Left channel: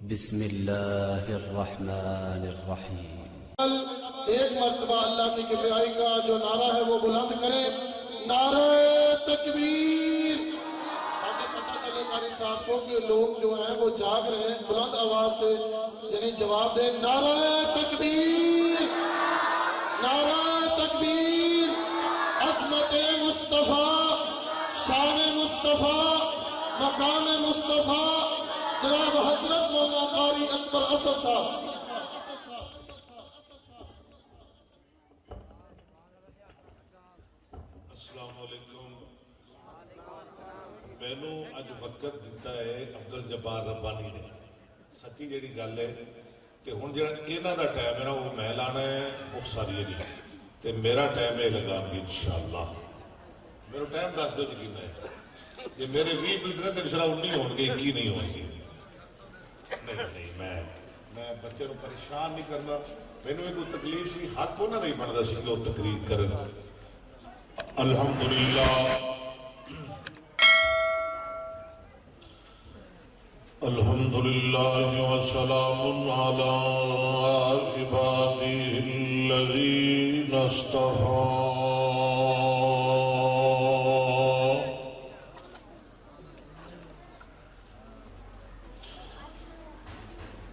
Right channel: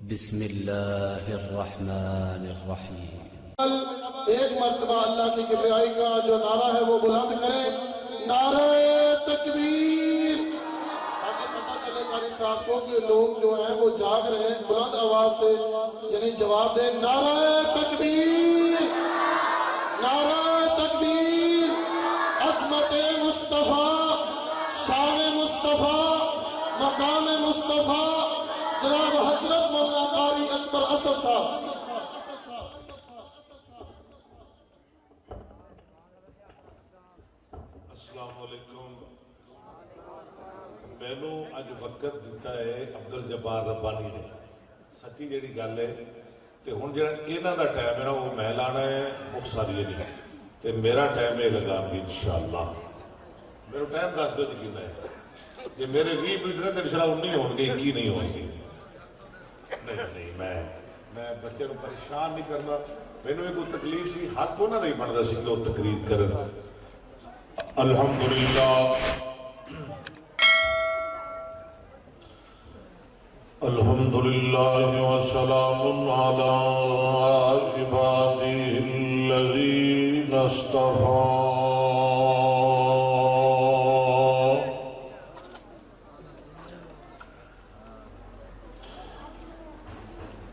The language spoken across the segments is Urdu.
بسم اللہ الرحمن الرحیم۔ ایک مرتبہ اللہ کی کبریائی کا جو نعرہ ہے وہ بلند کریں، نعرہ تکبیر، تاکہ پتہ چلے قاری صاحب کو کہ لوگ جو ہیں وہ جاگ رہے ہیں۔ بلند آواز سے یعنی جواب دیں، نعرہ تکبیر، نعرہ تکبیر، عظمت مصطفیٰ، شان مصطفیٰ، مقام مصطفیٰ، جناب حضرت مولانا قاری اکبر اسد صاحب۔ السلام علیکم۔ مینوں اج وقت دیتا ہے عبدالجبار ربانی نے، سچی جیڑی گل ہے تے ہن جڑا انہاں دا ٹائم ہے نا وہ میں لانا ہے مختصری نہیں تے میرا ٹائم ہے لگان گی انشاءاللہ۔ میرا ٹائم دس دو جی ہے کہ میرے 20 منٹ نے تو انشاءاللہ 19 ہون گے، 21 نہیں ہون گے۔ نہیں میں بچے کو پریشان نہیں کرنا، مینوں کوئی تکلیف سی حق انہاں دا ہی بندا سی کہ وہ تقریر کرن۔ الحمدللہ الحمدللہ وسلام علی عبادہ الذین اصطفیٰ۔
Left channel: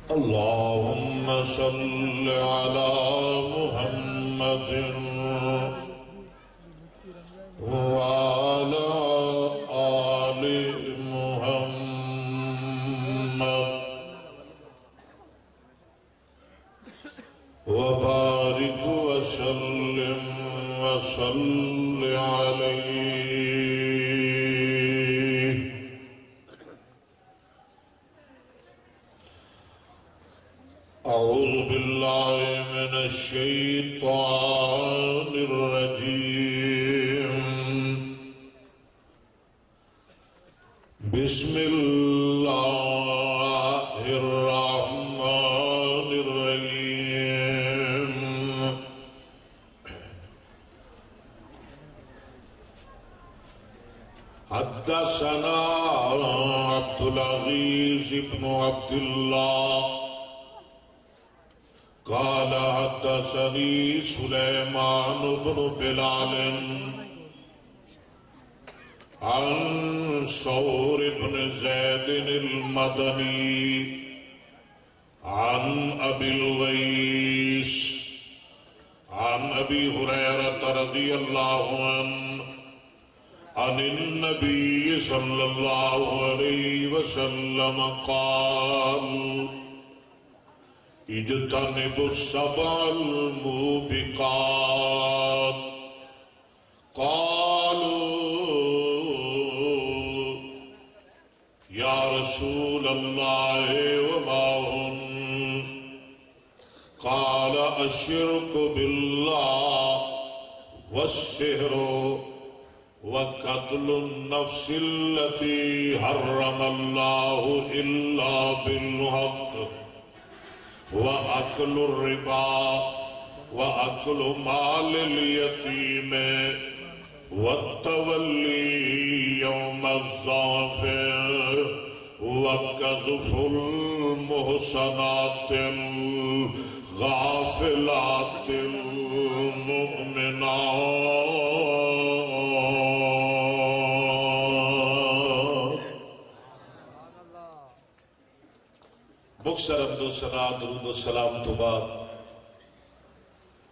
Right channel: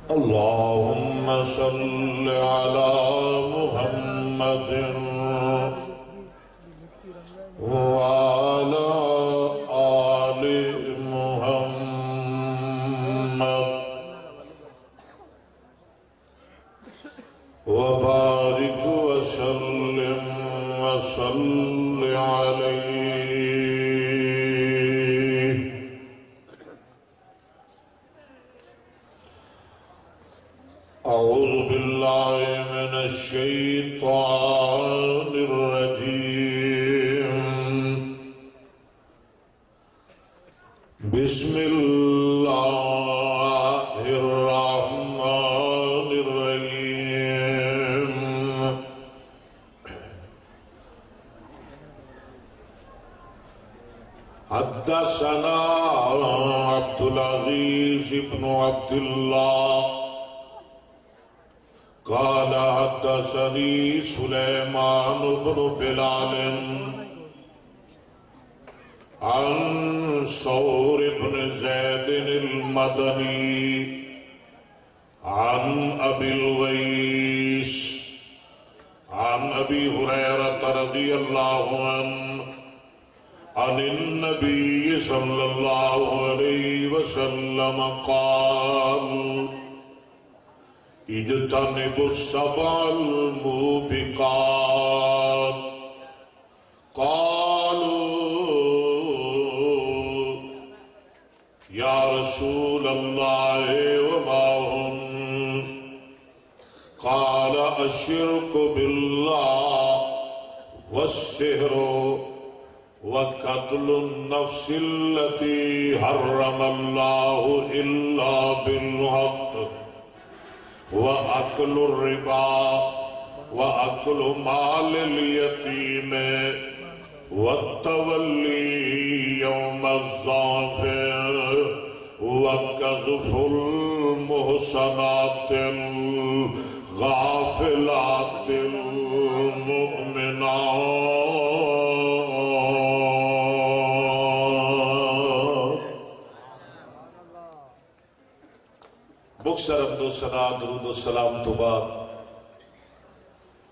اللہم صل علی محمد وعلى آل محمد وبارك وسلم وصل عليه۔ أعوذ بالله من الشيطان الرجيم، بسم اللہ الرحمن الرحیم۔ حدثنا عبد العزيز بن عبد الله قال حدثني سليمان بن بلال عن ثور بن زيد المدني عن أبي الغيث عن أبي هريرة رضي الله عنه عن النبي صلى الله عليه وسلم قال: اجتنبوا السبع الموبقات۔ قالوا یا رسول اللہ وما ہن؟ قال الشرک باللہ والسحر وقتل النفس التي حرم الله إلا بالحق وأكل الربا وأكل مال اليتيم والتولي يوم الزحف وقذف المحصنات الغافلات المؤمنات۔ مکثر حمد و ثنا درود و سلام تو بعد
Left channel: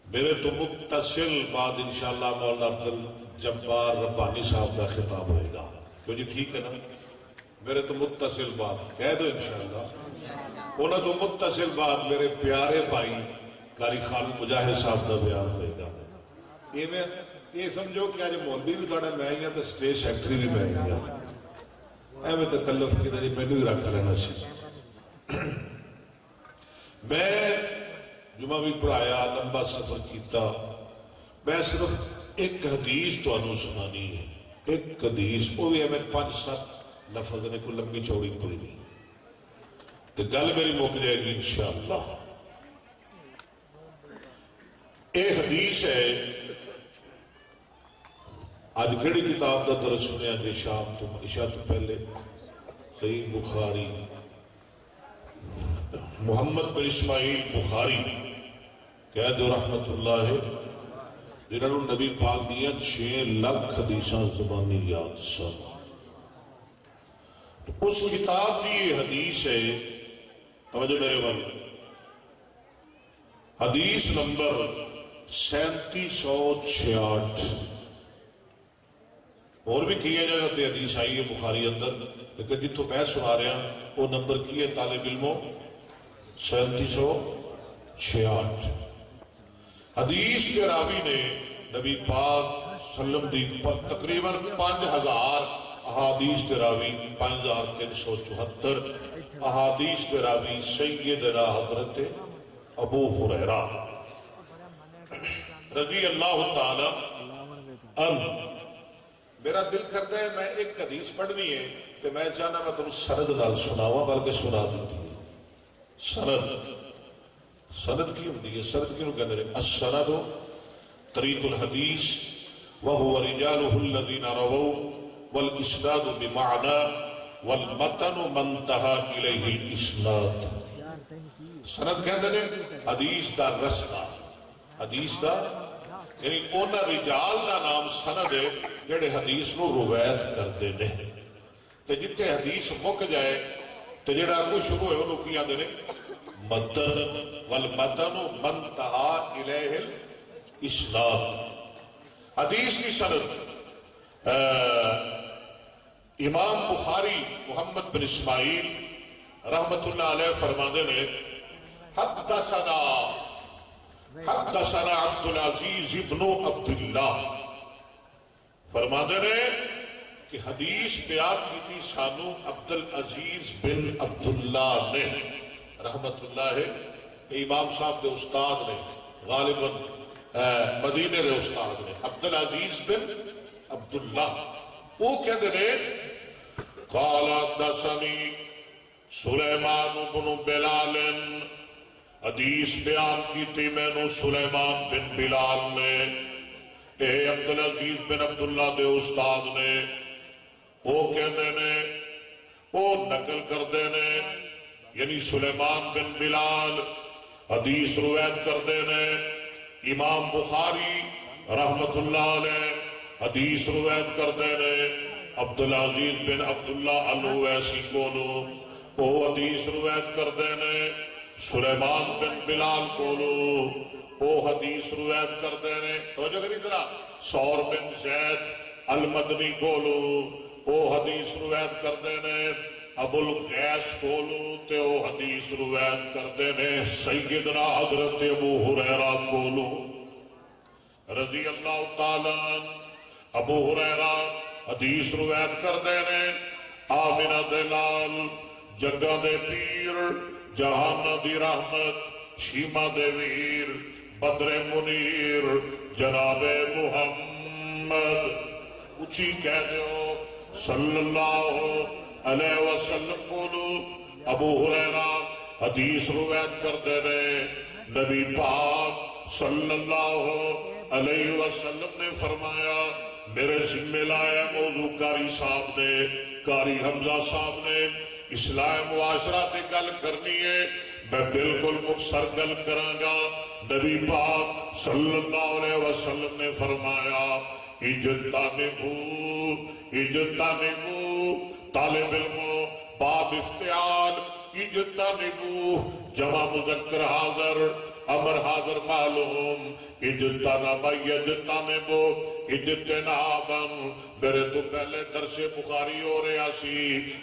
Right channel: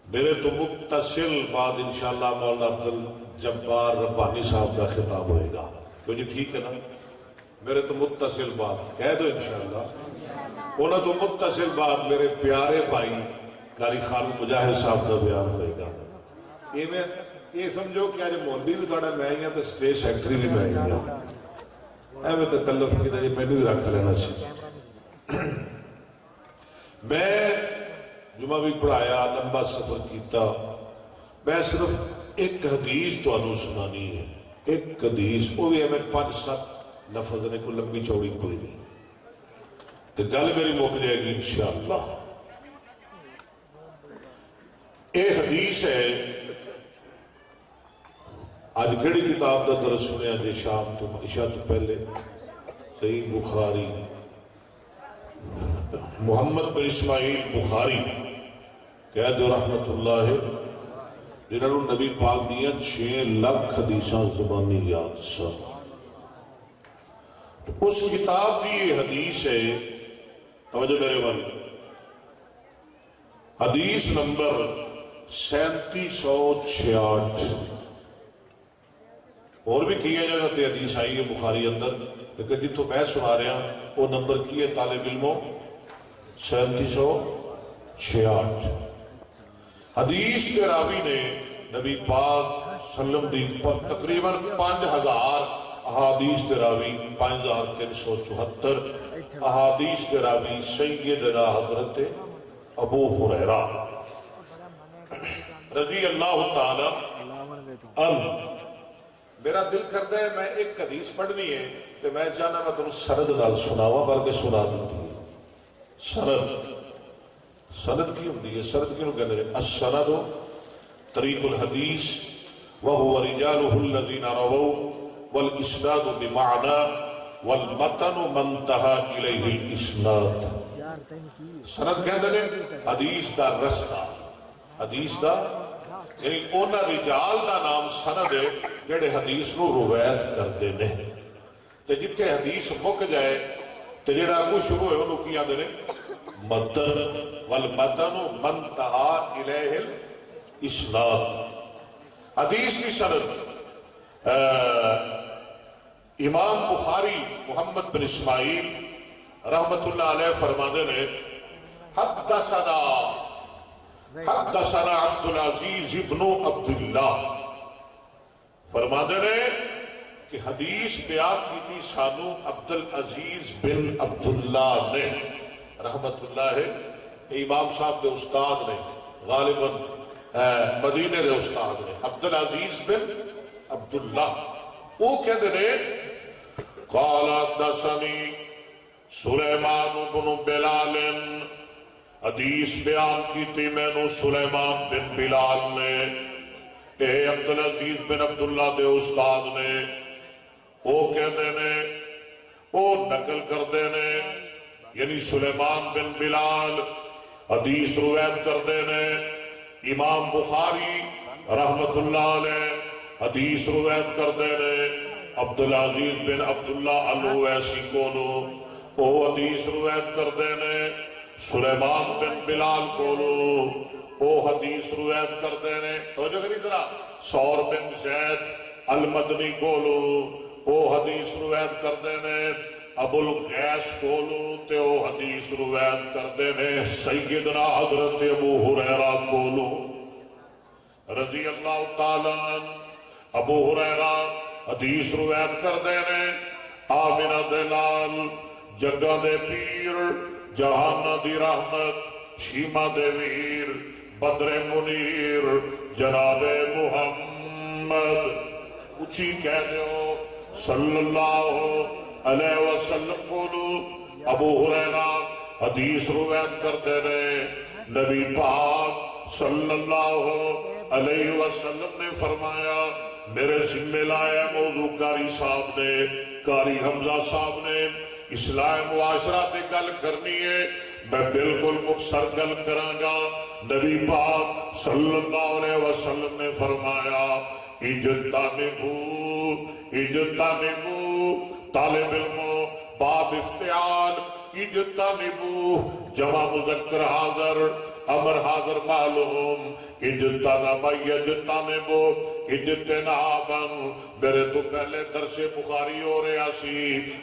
میرے تو متصل بعد انشاءاللہ مولانا عبدالجبار ربانی صاحب کا خطاب ہوئے گا، کیوں جی ٹھیک ہے نا؟ میرے تو متصل بعد کہہ دو انشاءاللہ۔ انہوں تو متصل بعد میرے پیارے بھائی قاری خالد مجاہد صاحب کا بیان ہوئے گا۔ یہ سمجھو کہ آج مولوی بھی تھوڑا میں ہی ہوں تو سٹیج سیکٹری بھی میں ہی ہوں، ایویں تکلف کی طرح میں بھی رکھ لینا سی۔ میں جمعہ بھی پڑھایا، لمبا سفر کیتا، میں صرف ایک حدیث تو انہوں سنانی ہے، ایک حدیث، وہ بھی ہمیں 5-7 لفظ نے، کوئی لمبی چوڑی کوئی نہیں، تو گل میری موک جائے گی انشاءاللہ۔ ایک حدیث ہے، آج کیڑی کتاب دا درس سنیا جی شام تو عشاء تو پہلے؟ صحیح بخاری محمد بن اسماعیل بخاری کہہ دو رحمت اللہ، جنہوں نے نبی پاک دیا 6 لاکھ حدیثاں زبانی یاد سن. اس کتاب کی یہ حدیث ہے، توجہ میرے بال، حدیث نمبر 3766. اور بھی کئی جگہ تے حدیث آئی ہے بخاری اندر، لیکن جتوں میں سنا رہا وہ نمبر کی ہے طالب علموں 3766. حدیث کے راوی نے نبی پاک صلی اللہ علیہ وسلم تقریباً 5000 احادیث کے راوی، 5374 احادیث کے راوی سیدنا حضرت ابو ہریرہ رضی اللہ تعالی عنہ. میرا دل کرتا ہے میں ایک حدیث پڑھنی ہے تو میں چاہنا میں تم سند نال سناواں، بلکہ سنا دیتی ہے. سند کی ہوندی ہے، سند کیوں کہندے ہیں؟ السند طریق الحدیث وهو رجاله الذين رووا والاسناد بمعنى والمتن من انتهى اليه الاسناد. سند کہندے ہیں حدیث دا رستہ، حدیث دا یعنی اونا رجال دا نام سند ہے جڑے حدیث نو روایت کرتے ہیں. تے جتھے حدیث مک جائے تے جڑا اگوں شروع ہوئے انہوں کی آدھے متن والمتن من انتہا الیہ الاسناد. حدیث کی سند امام بخاری محمد بن اسماعیل رحمت اللہ علیہ فرمانے نے حدثنا عبد العزیز ابن عبداللہ، فرمانے نے کہ حدیث بیان کی تھی سانو عبد العزیز بن عبداللہ نے رحمت اللہ ہے. امام صاحب دے استاد نے، غالباً مدینے دے استاد نے، عبد العزیز بن عبداللہ. وہ کہتے ہیں قال حدثني سلیمان بن بلال، حدیث بیان کی تھی میں نو سلیمان بن بلال نے، اے عبدالعزیز بن عبداللہ دے استاد نے. وہ کہتے ہیں، وہ نقل کردے نے، یعنی سلیمان بن بلال حدیث روایت کردے نے. امام بخاری رحمت اللہ علیہ حدیث روایت کردے نے. عبدالعزیز بن عبداللہ الویسی کولو وہ حدیث روایت کردے نے. سلیمان بن بلال کولو وہ حدیث روایت کردے نے. توجہ کری طرح سور بن زید المدنی کولو وہ حدیث روایت کردے نے. ابو الغیس کولو تے وہ حدیث روایت کردے نے. سیدنا حضرت ابو ہریرہ کولو رضی اللہ تعالیٰ عنہ ابو ہریرہ حدیث روایت کردے نے. آمنہ دے لال، جگہ دے پیر، جہانہ دی رحمت، شیمہ دے ویر، بدر منیر، جناب محمد. اچھی کہہ جو صلی اللہ علیہ وسلم کولو ابو ہریرہ حدیث روایت کردے نے. نبی پاک صلی اللہ علیہ وسلم نے فرمایا، میرے ذمہ لایا موضوع قاری صاحب نے، قاری حمزہ صاحب نے اصلاح معاشرہ تے گل کرنی ہے، میں بالکل مختصر گل کراں گا. نبی پاک صلی اللہ علیہ وسلم نے فرمایا اجتنبو طالب علموں باب افتعال، اجتنبو جمع مذکر حاضر امر حاضر معلوم، اجتنب یجتنبو اجتنابا. میرے تو پہلے درس بخاری ہو رہا سی،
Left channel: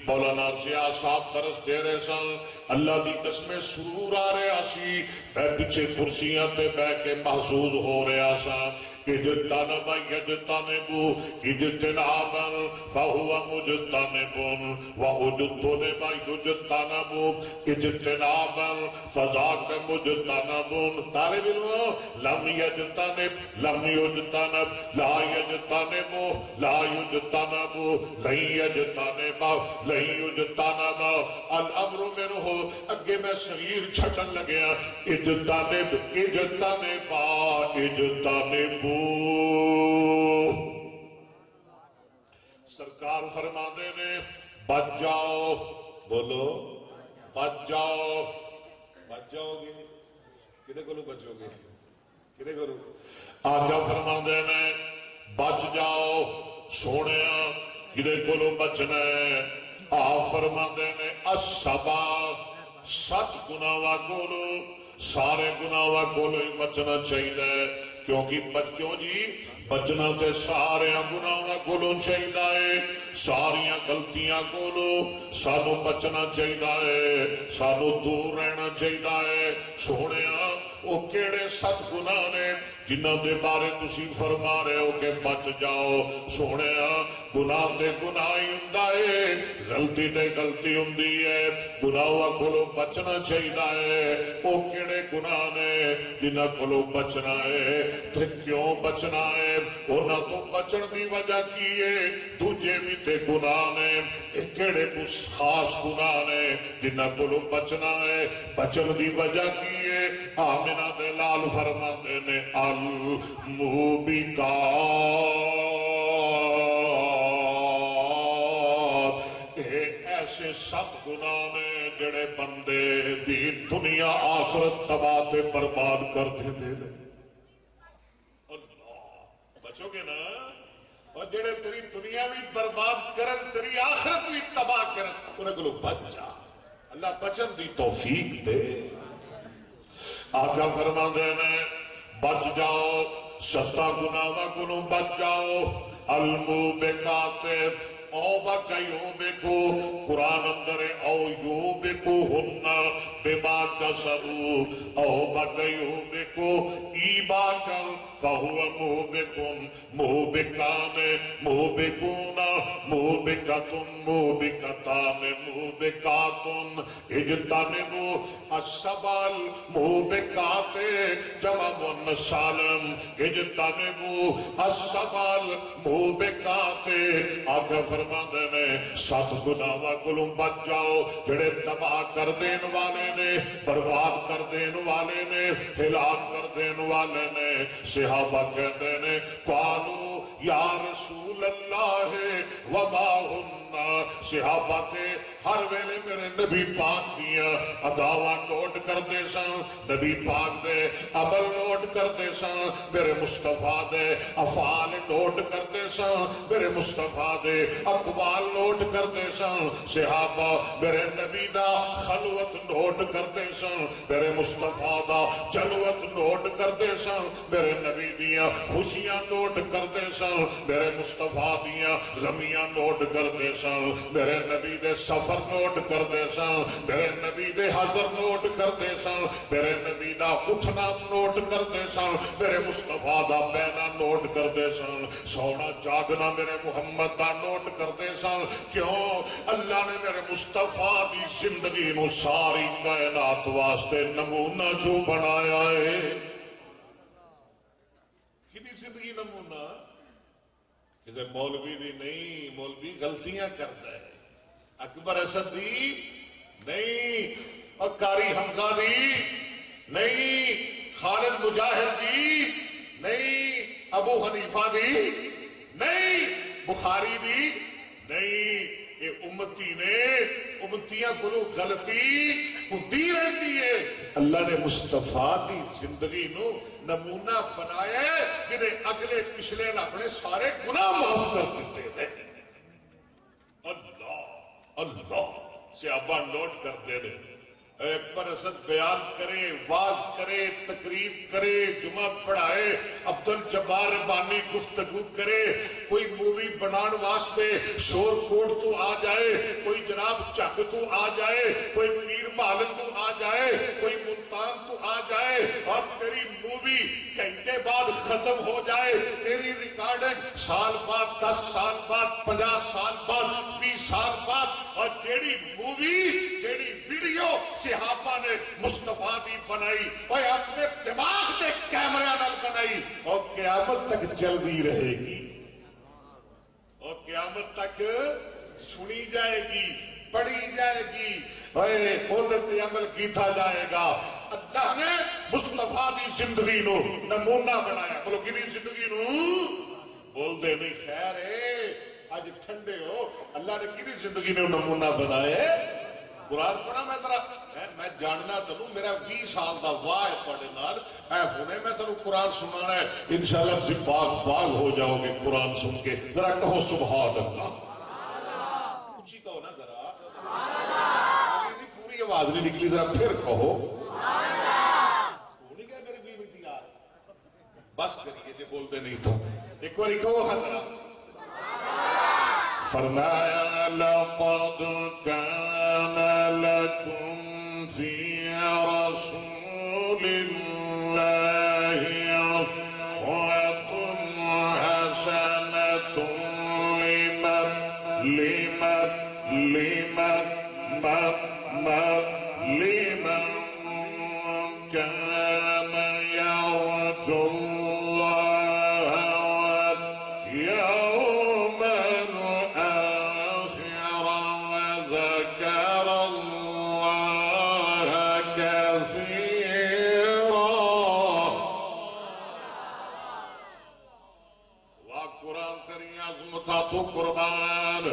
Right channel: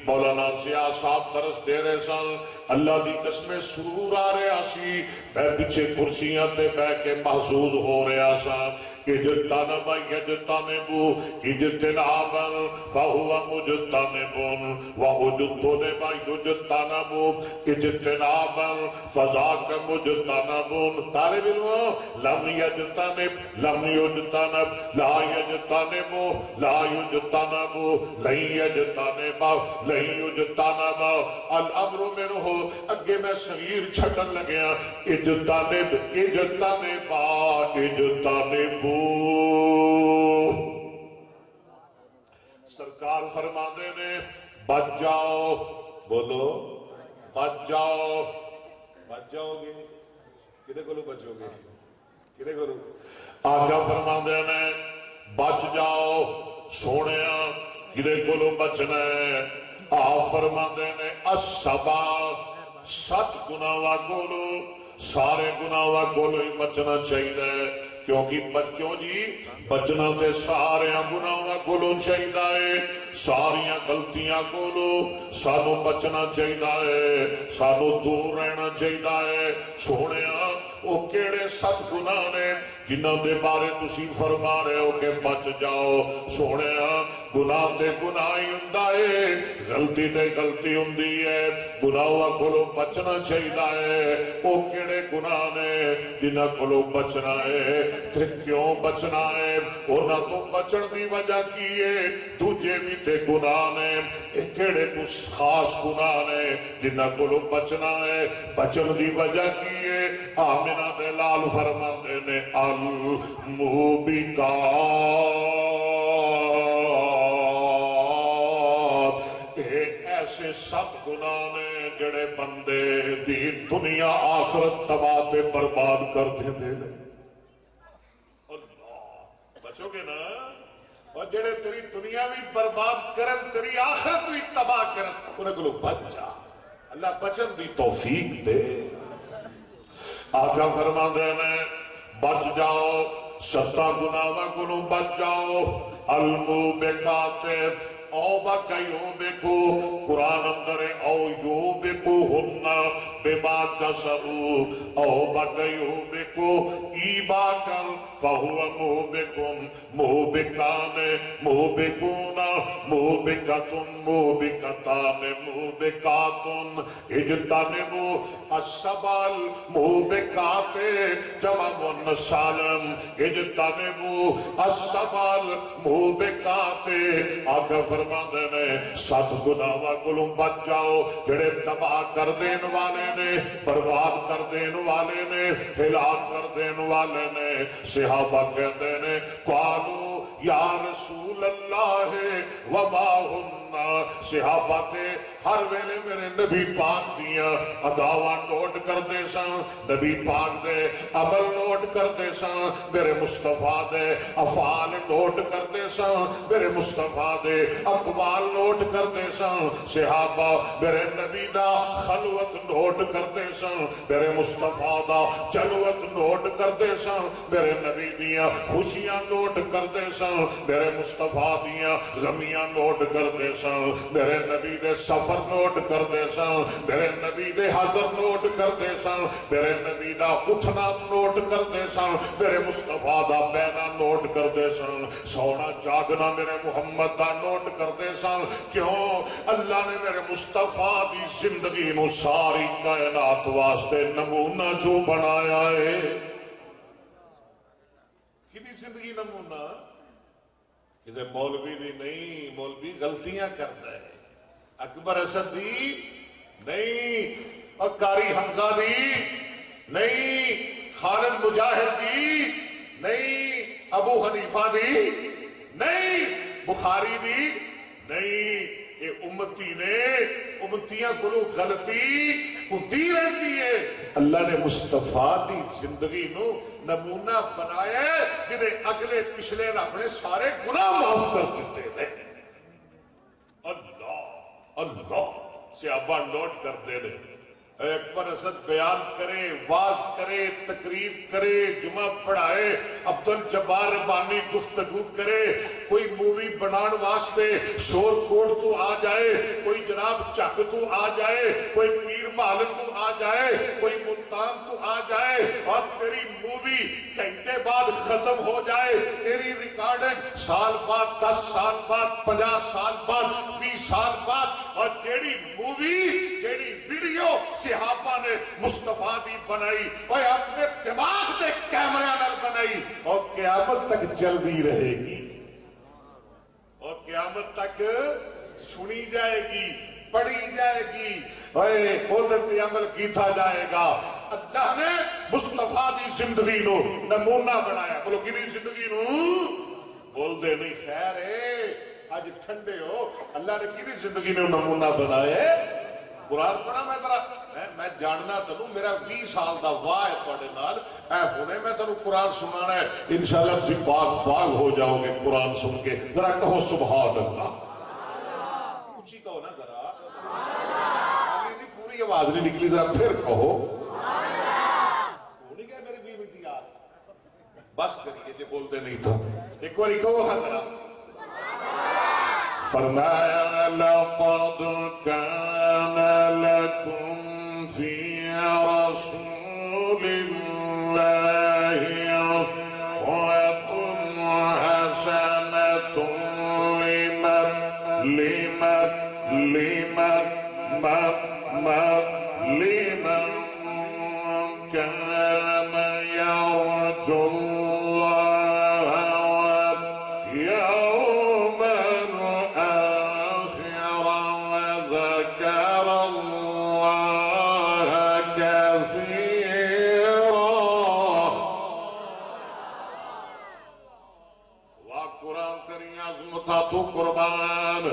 مولانا ضیاء صاحب درس دے رہے سن، اللہ دی قسم سرور آ رہا سی، میں پیچھے کرسیاں تے بیٹھ کے محظوظ ہو رہا سا. اجتنب یجتنبو اجتنابا فہو مجتنب واجتنب یجتنب اجتنابا فذاک مجتنب. طالب علم لم یجتنب لم یجتنب لا یجتنب لا یجتنب لن یجتنب لن یجتنب الامر منہ. اگے میں صغیر چھٹن لگیا، اجتنب اجتنبا اجتنب. سرکار فرماندے نے بچ جاؤ، بولو بچ جاؤ. بچ جاؤ گے کدے کولو بچو گے کدے کولو آقا فرماندے نے بچ جاؤ سونے کدے کولو بچنا ہے آپ فرماندے نے السبا 7 گناہاں کولو سارے گناہاں کولو ہی بچنا چاہیے کیونکہ بچوں جی بچنا تے سارے گناہاں کولو چاہیے ساریاں غلطیاں کولو سانو بچنا چاہیے سانو دور رہنا چاہیے سونے وہ کیڑے 7 گناہ نے جنہاں دے بارے تسی فرما رہے ہو کہ بچ جاؤ سونے گناہ تے گناہ ہی ہوندا ہے غلطی تے غلطی ہوندی ہے گناہاں کولو بچنا چاہیے وہ کیڑے گناہ نے جنہاں کولو بچنا ہے تے کیوں بچنا ہے انہاں تو بچن دی وجہ کی ہے دوجے بھی تے گناہ نے ایک کیڑے کچھ خاص گناہ نے جنہاں کولو بچنا ہے بچن دی وجہ کی ہے آمنہ دے لال فرماندے نے الموبقات ایسے 7 گناہ نے جڑے بندے دی دنیا آخرت تباہ تے برباد کر دے اللہ بچو گے نا اور جڑے تیری دنیا بھی برباد کرن تیری آخرت بھی تباہ کرن انہیں کو بچ جا اللہ بچن دی توفیق دے آقا فرماندے نے بچ جاؤ 7 گناہاں کو بچ جاؤ الموبقات او بکیوبکو قرآن اندر او یوبکوہن بما کسبو او بکیوبکو ایباکن فہو موبکن موبکان موبکون موبکتن موبکتان موبکاتن اجتنبو السبال موبکات جمع منسالم اجتنبو السبال موبکات آقا فرماندے نے 7 گناہاں کولوں بچ جاؤ جڑے تباہ کر دین والے نے برباد کر دین والے نے ہلاک کر دین والے نے صحابہ کہندے نے قالو یا رسول اللہ وما ہن صحابہ تے ہر ویلے میرے نبی پاک دیا اداواں نوٹ کردے سن نبی پاک دے عمل نوٹ کردے سن میرے مصطفیٰ دے افعال نوٹ کردے سن میرے مصطفیٰ دے اقوال نوٹ کردے سن صحابہ میرے نبی دا خلوت نوٹ کردے سن میرے مصطفیٰ دا جلوت نوٹ کردے سن میرے نبی دیا خوشیاں نوٹ کردے سن میرے مصطفیٰ دیا غمیاں نوٹ کردے سن میرے نبی دے سفر نوٹ کردے سن میرے نبی دے حضر نوٹ کردے سن میرے نبی دا اٹھنا نوٹ کردے سن میرے مصطفیٰ دا بینا نوٹ کردے سن سونا جاگنا میرے محمد دا نوٹ کردے سن کیوں اللہ نے میرے مصطفیٰ دی زندگی نو ساری کائنات واسطے نمونہ جو بنایا ہے کدی زندگی نمونہ کسی مولوی دی نہیں مولوی غلطیاں کرتا ہے اکبر اسد دی نہیں اور قاری حمزہ دی نہیں خالد مجاہد دی نہیں ابو حنیفہ دی نہیں بخاری دی نہیں یہ امتی نے امتیاں کو غلطی ہوتی رہتی ہے اللہ نے مصطفیٰ دی زندگی نو نمونہ بنایا جنہیں اگلے پچھلے رب نے سارے گناہ معاف کر دیتے ہیں اللہ صحابہ نوٹ کر دے رہے اکبر اسد بیان کرے واز کرے تقریر کرے جمعہ پڑھائے عبدالجبار ربانی گفتگو کرے کوئی مووی بنان واسطے شور کوڑ تو آ جائے کوئی جناب چک تو آ جائے کوئی پیر مالک تو آ جائے کوئی ملتان تو آ جائے اور تیری مووی گھنٹے بعد ختم ہو جائے تیری ریکارڈنگ سال بعد 10 سال بعد 50 سال بعد 20 سال بعد اور جیڑی مووی جیڑی ویڈیو صحابہ نے مصطفیٰ دی بنائی اور اپنے دماغ دے کیمرے نال بنائی اور قیامت تک چلتی رہے گی اور قیامت تک سنی جائے گی پڑھی جائے گی عدت عمل کیتا جائے گا اللہ نے مصطفیٰ دی زندگی نو نمونہ بنایا بولو کی زندگی نو بول دے نہیں خیر ہے آج ٹھنڈے ہو اللہ نے کی زندگی نو نمونہ بنایا قرآن پڑھا میں ذرا میں جاننا تینوں میرا 20 سال دا واہ ہے تواڈے نال اے ہنے میں تینوں قرآن سنانا ہے انشاءاللہ تسی باغ ہو جاؤ گے قرآن سن کے ذرا کہو سبحان اللہ اونچی کہو نا ذرا میری پوری آواز نہیں نکلی ذرا پھر کہو نہیں کہ میری 20 منٹ یاد بس کریے جی بولتے نہیں تو ایک بار کہو ذرا فرمایا لقد كان لكم في رسول الله أسوة حسنة لمن كان يرجو الله واليوم الآخر وذكر الله كثيرا. قرآن تیری عظمتاں تو قربان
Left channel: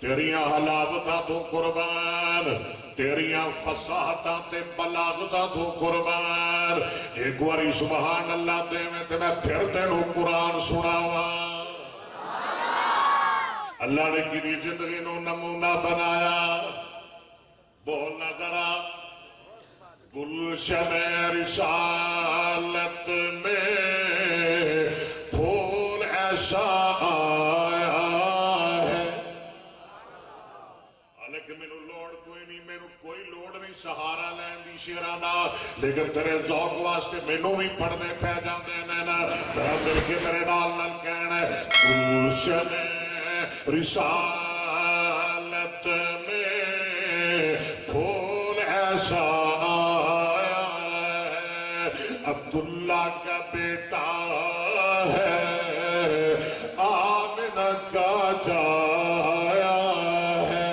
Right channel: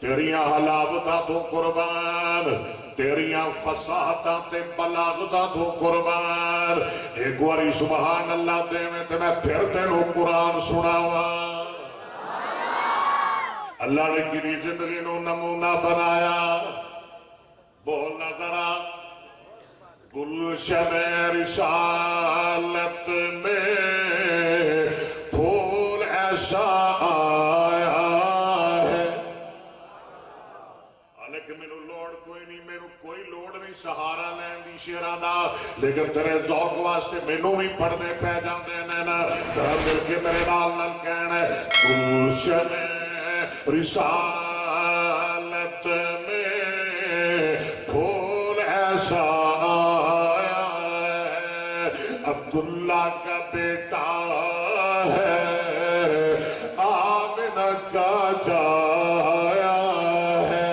تیریاں حلاوتاں تو قربان تیریاں فصاحتاں تے بلاغتاں تو قربان ایک واری سبحان اللہ دے میں تے میں پھر تینوں قرآن سناواں. اللہ نے کیری زندگی نو نمونہ بنایا بولنا ذرا گلشن رسالت میں پھول ایسا آیا ہے لیکن مینوں لوڑ کوئی نہیں مینوں کوئی لوڑ نہیں سہارا لین دی شیرانا لیکن تیرے ذوق واسطے مینوں بھی پڑھنے پہ جاندے نے نا تیرا مل کے میرے نال نال کہنا ہے گلشن رسالت میں پھول ایسا آیا ہے عبداللہ کا بیٹا ہے آمنہ کا جایا ہے.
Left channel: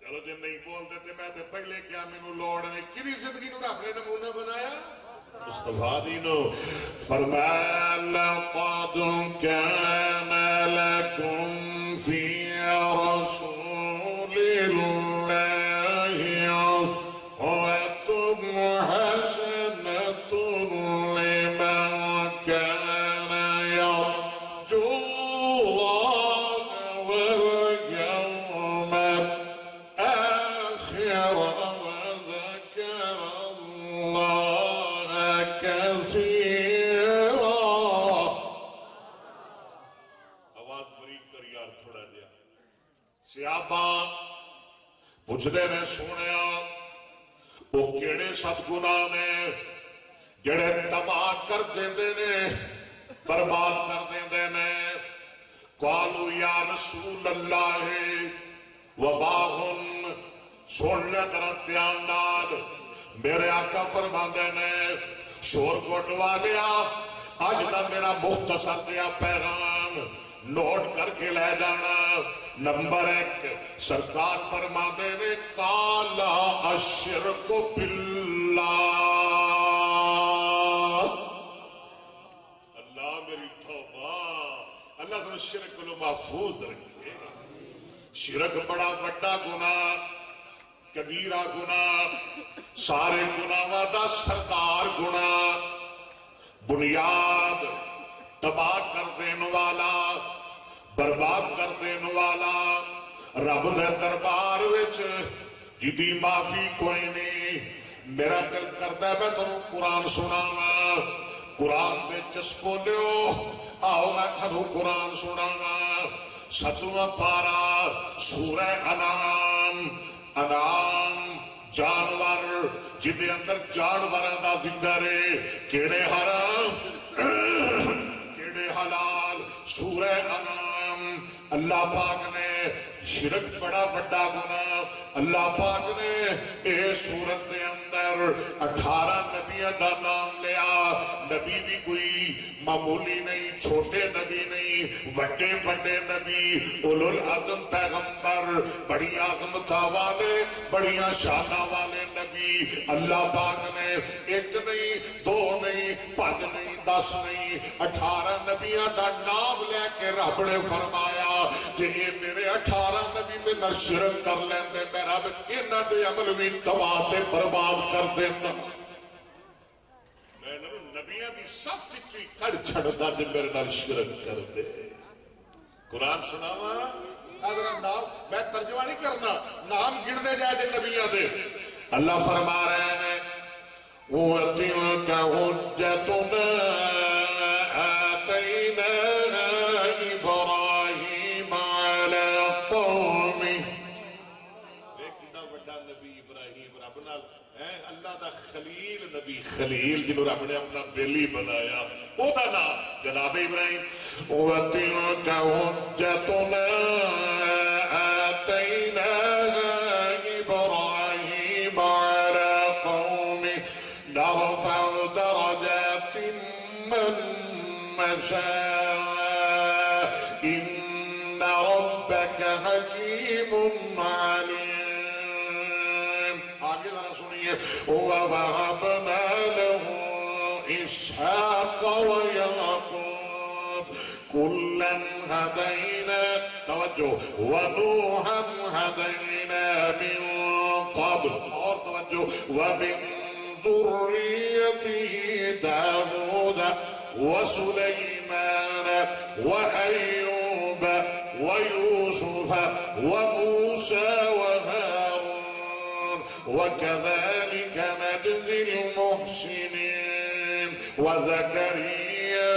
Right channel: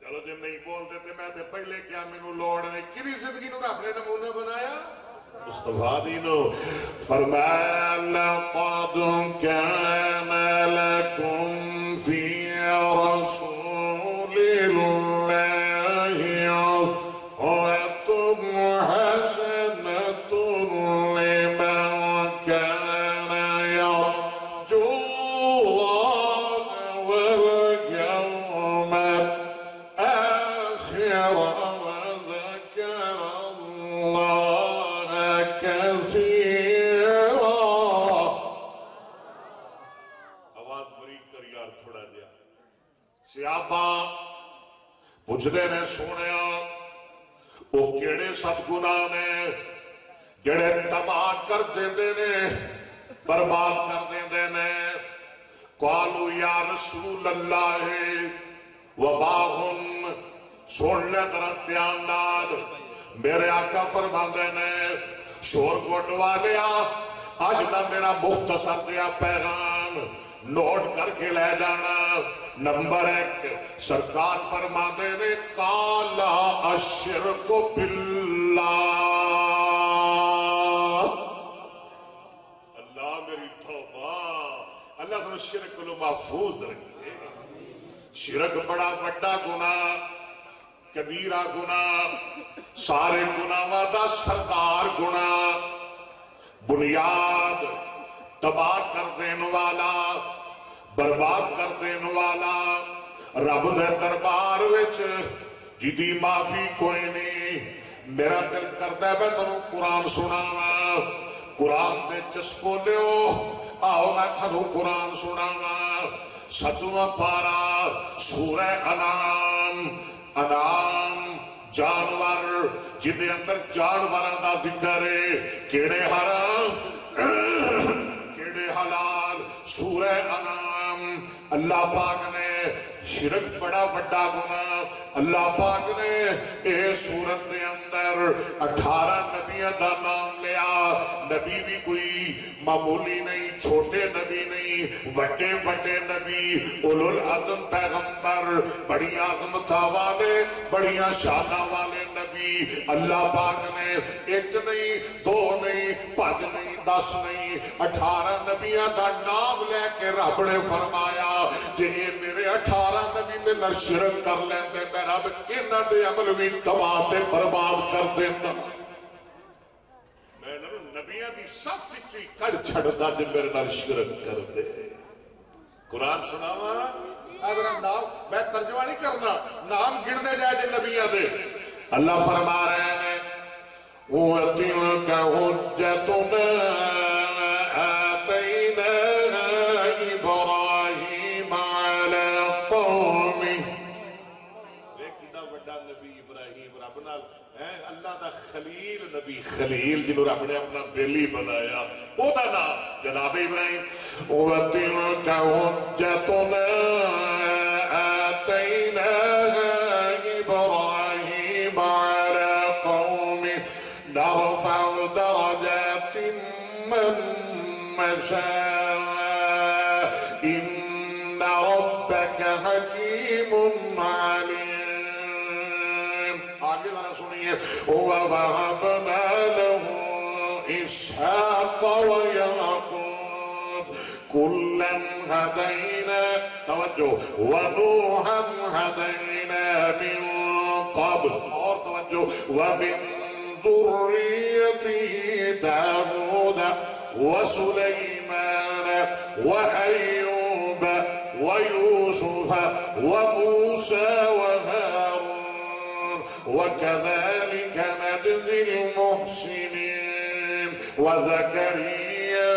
چلو جب نہیں بول دیتے میں تے پہلے کیا مینوں لوڑ نے کدی زندگی نو رب نے نمونہ بنایا مصطفیٰ دینو فرمایا لقد كان لكم في رسول الله أسوة حسنة لمن كان يرجو الله واليوم الآخر وذكر الله كثيرا. آواز بریک کر یار تھوڑا دیا. صحابہ پوچھتے نے سونیا وہ کیڑے سب گناہ نے جڑے تباہ کر دیندے نے برباد کر دیندے نے. قالوا یا رسول اللہ وباہم سن لے ذرا دھیان نال میرے آقا فرماندے نے شور کوٹ والیا اج دا میرا مختصر دیا پیغام نوٹ کر کے لے جانا. نمبر 1 سرکار فرماندے نے کالا الشرک باللہ. اللہ میری توبہ اللہ تمہیں شرک کو محفوظ رکھے. شرک بڑا بڑا گناہ کبیرہ گناہ سارے گناہاں دا سردار گناہ بنیاد تباہ کر دین والا برباد کر دین والا رب دے دربار وچ جدی معافی کوئی نہیں. میرا دل کردا ہے میں تانوں قرآن سناواں قرآن دے چسکو لیو آؤ میں تانوں قرآن سناواں. 7واں پارا سورہ انعام جانور جدے اندر جانوراں دا ذکر ہے کیڑے حرام کیڑے حلال. سورہ انعام اللہ پاک نے شرک بڑا بڑا گناہ اللہ پاک نے اے سورت دے اندر 18 نبیوں دا نام لیا. نبی بھی کوئی معمولی نہیں چھوٹے نبی نہیں وڈے وڈے نبی اولو العزم پیغمبر بڑی عظمتاں والے بڑیاں شاناں والے نبی نبی اللہ پاک نے ایک نہیں دو نہیں 5 نہیں 10 نہیں 18 نبیاں دا نام لے کے رب نے فرمایا جی میرے 18 نبی میں نہ شرک کر لیندے میں رب انہاں دے عمل بھی تباہ تے برباد کر دینا میں نبیاں دی صف وچ کڑ چھڑدا جے میرے نال شرک کر دے قرآن سناوا اگر نام میں ترجمہ نہیں کرنا نام گن دے جائے جے نبیاں دے اللہ فرما رہے ہیں وَتِلْكَ حُجَّتُنَا آتَيْنَاهَا إِبْرَاهِيمَ عَلَىٰ قَوْمِهِ ایک بڑا نبی ابراہیم رب نال اللہ دا خلیل نبی خلیل جنہوں رب نے اپنا بیلی بنایا او دا نام جناب ابراہیم وَتِلْكَ حُجَّتُنَا آتَيْنَاهَا إِبْرَاهِيمَ عَلَىٰ قَوْمِهِ نرفع درجات من نشاء إن ربك حكيم عليم آگے ذرا سنیے وَوَهَبْنَا لَهُ إِسْحَاقَ وَيَعْقُوبَ كُلًّا هَدَيْنَا توجہ وَنُوحًا هَدَيْنَا مِن قَبْلُ اور توجہ وَمِن ذريته داود وسليمان وأيوب ويوسف وموسى وهارون وكذلك نجزي المحسنين وزكريا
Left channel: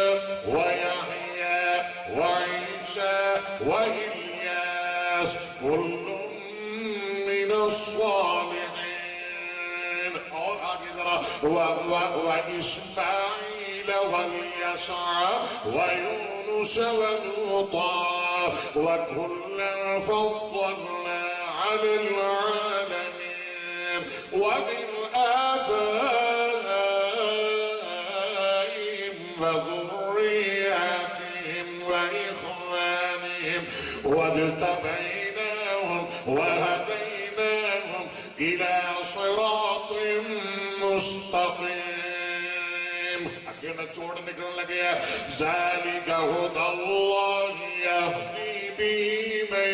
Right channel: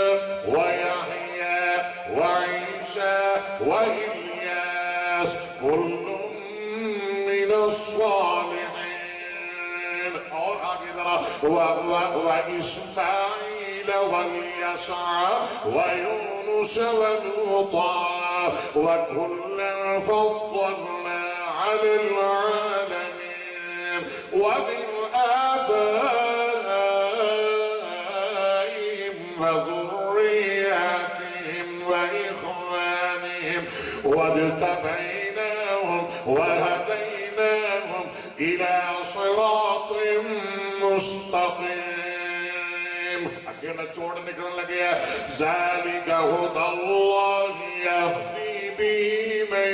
ويحيى وعيسى وإلياس كل من الصالحين وإسماعيل واليسع ويونس ولوطا وكلا فضلنا على العالمين ومن آبائهم وذرياتهم وإخوانهم واجتبيناهم وهديناهم إلى صراط مستقيم اکیلا چوڑ نکلنے لگے ذالک ھدی اللہ یہدی به من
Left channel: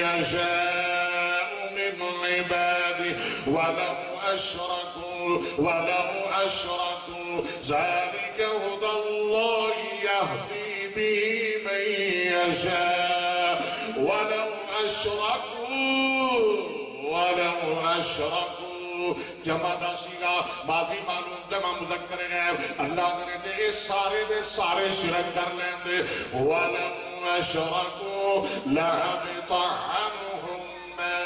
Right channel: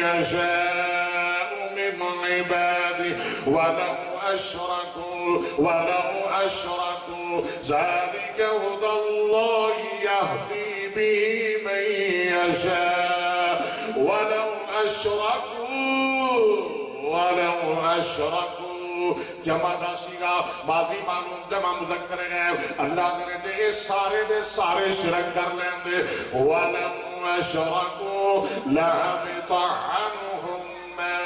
یشاء من عباده ولو اشرکوا ذالک ھدی اللہ یہدی به من یشاء ولو اشرکوا جمع دا سیگا ماضی معلوم جمع مذکر گئے اللہ کرے دے سارے شرک کر لیں دے وَلَوْ أَشْرَكُوا لَحَبِطَ عَنْهُمْ مَا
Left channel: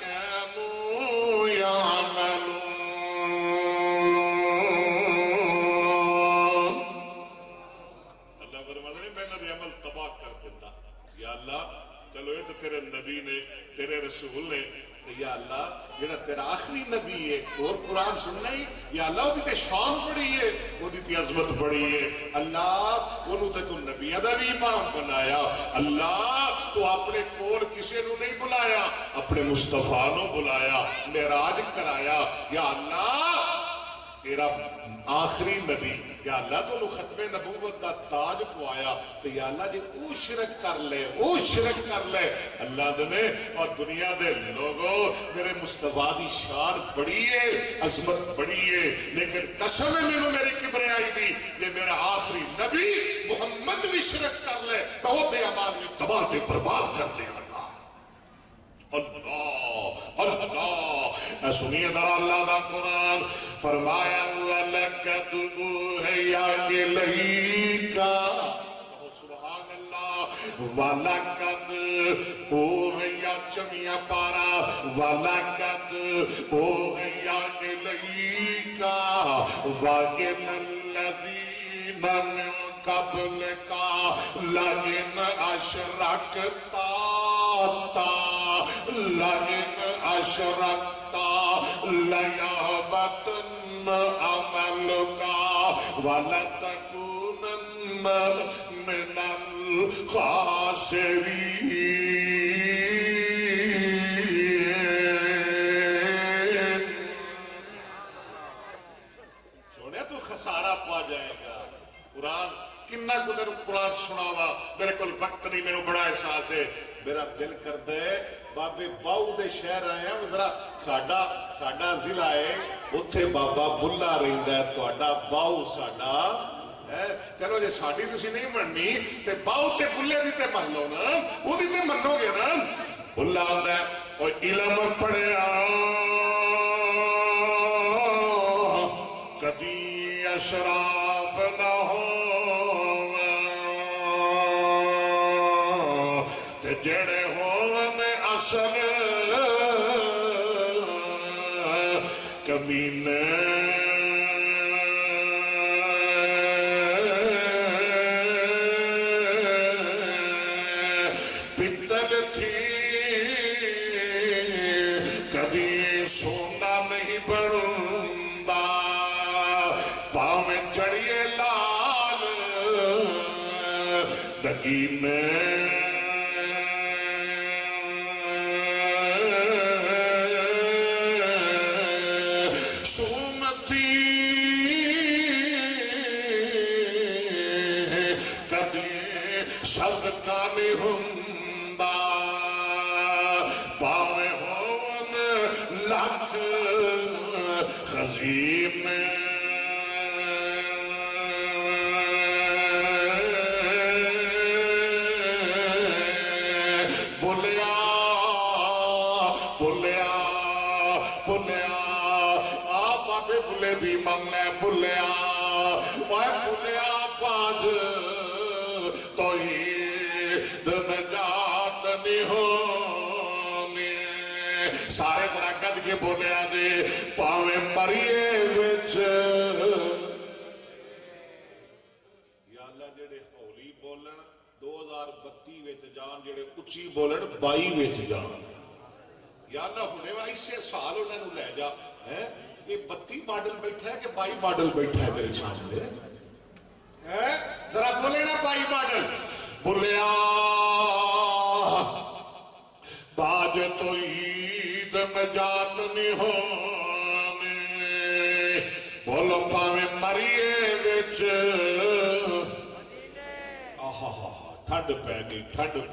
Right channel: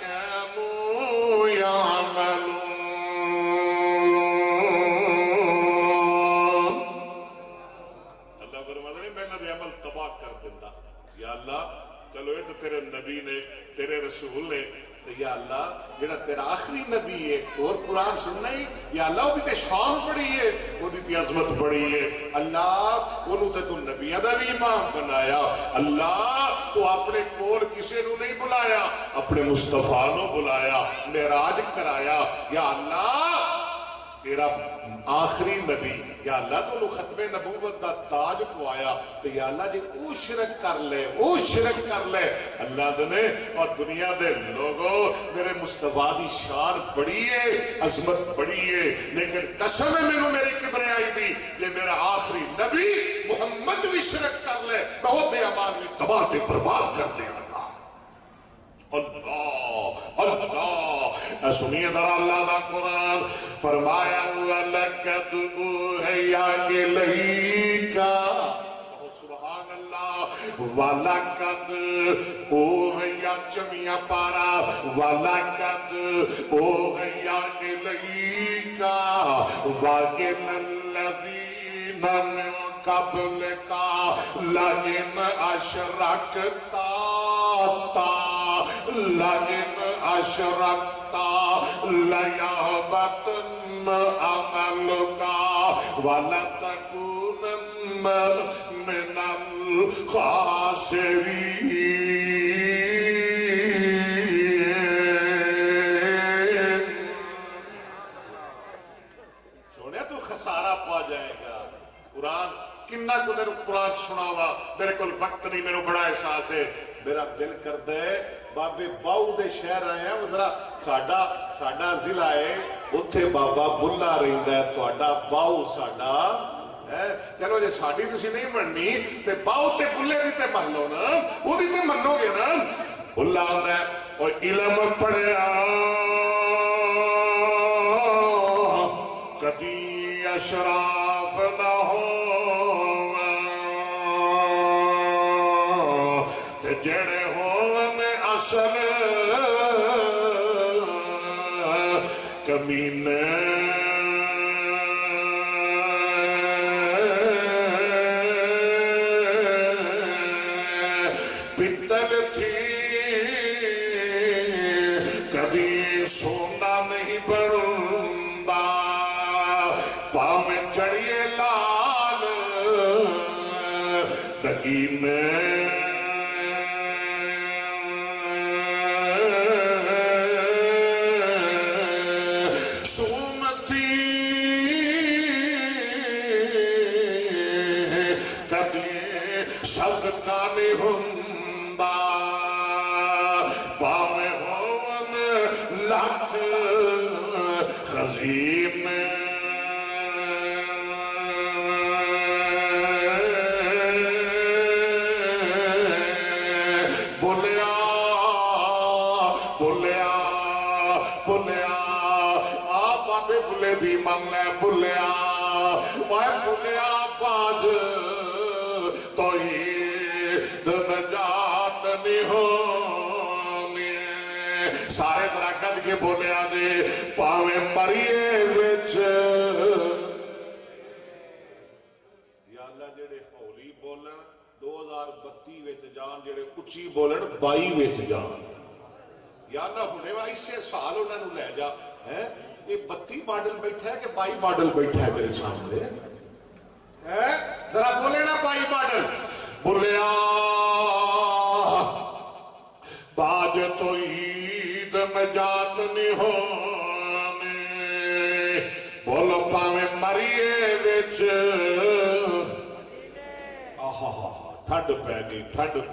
كَانُوا يَعْمَلُونَ اللہ فرماتا ہے میں نے عمل تباہ کر دینا یا اللہ چلو یہ تو تیرے نبی نے تیرے رسول نے تو یا اللہ جڑا تیرا آخری نبی ہے اور قرآن سننا ہی یا اللہ وہ تے شان بڑی ہے وہ تے عظمت بڑی ہے اللہ وہ تے تو نبیہ دا بھی امام بنایا اللہ تو اپنے کول کسے نو نہیں بلایا اپنے مصطفیٰ نو بلایا معراج کرایا یا اللہ تیرا آخری نبی یا اللہ تو ختم نبوت دا تاج پوایا تو یا اللہ جی او شرک کر لے اللہ دنے اور دنیا دے لوگوں میرے مصطفیٰ دی شان بڑی ہے عظمت بڑی ہے لیکن قسم ہے میری کبریائی بھی یہ میرا آخری نبی محمد بھی شرک کر لے میں وہ دے امان میں تباہ تے برباد کر دے اللہ سنیے در اللہ دا قرآن فرمایا وَلَقَدْ أُوحِيَ إِلَيْكَ سبحان اللہ وَلَقَدْ أُوحِيَ چمیہ پارا وَلَقَدْ أُوحِيَ إِلَيْكَ وَإِلَى الَّذِينَ مِن قَبْلِكَ لَئِنْ أَشْرَكْتَ لَيَحْبَطَنَّ عَمَلُكَ وَلَتَكُونَنَّ مِنَ الْخَاسِرِينَ سناوا میرے کو وقت نہیں میرے بڑا احساس ہے میرا دل کرتا ہے بابے باؤ دے شہر آئے ہیں ذرا ساڈا ضلع ہے اتھے بابا بلا رہندا ہے تہاڈا باؤ ساڈا چلو جی ساڈی تسی نہیں مننی تے باؤ تے بلے دی تے من لو نا وہ دی تے منو گے نا بلا ہوندا ہے او علم پڑھیا کدی اشراف نہ ہو تے جڑے ہون اصل کمینے پتل تھی کبھی سونا نہیں بنتا پاؤں میں چڑھیے لال نگینے سونتی کبھی صدقہ نہیں ہوندا پاویں ہون لاکھ خزینے بولیا بولیا بولیا آ بابے بلے دی من لے بولیا اوے بولیا باز توحید نجات نہیں ہونی سارے طرح گد کے بولیا دے پاویں مریے وچ یا اللہ جڑے ہولی بولن 2032 وچ جان جڑے اچھی بولن 22 وچ جان یا اللہ ہونے وا اسے سال انہاں نوں لے جا ہیں یہ 32 ماڈل بیٹھا ہے کہ 22 ماڈل بیٹھا ہے میرے سامنے ذرا بولے نا 22 ماڈل بولیا باج تو عید نجات نہیں ہونے بولو پاویں مریے وچ ٹھڈ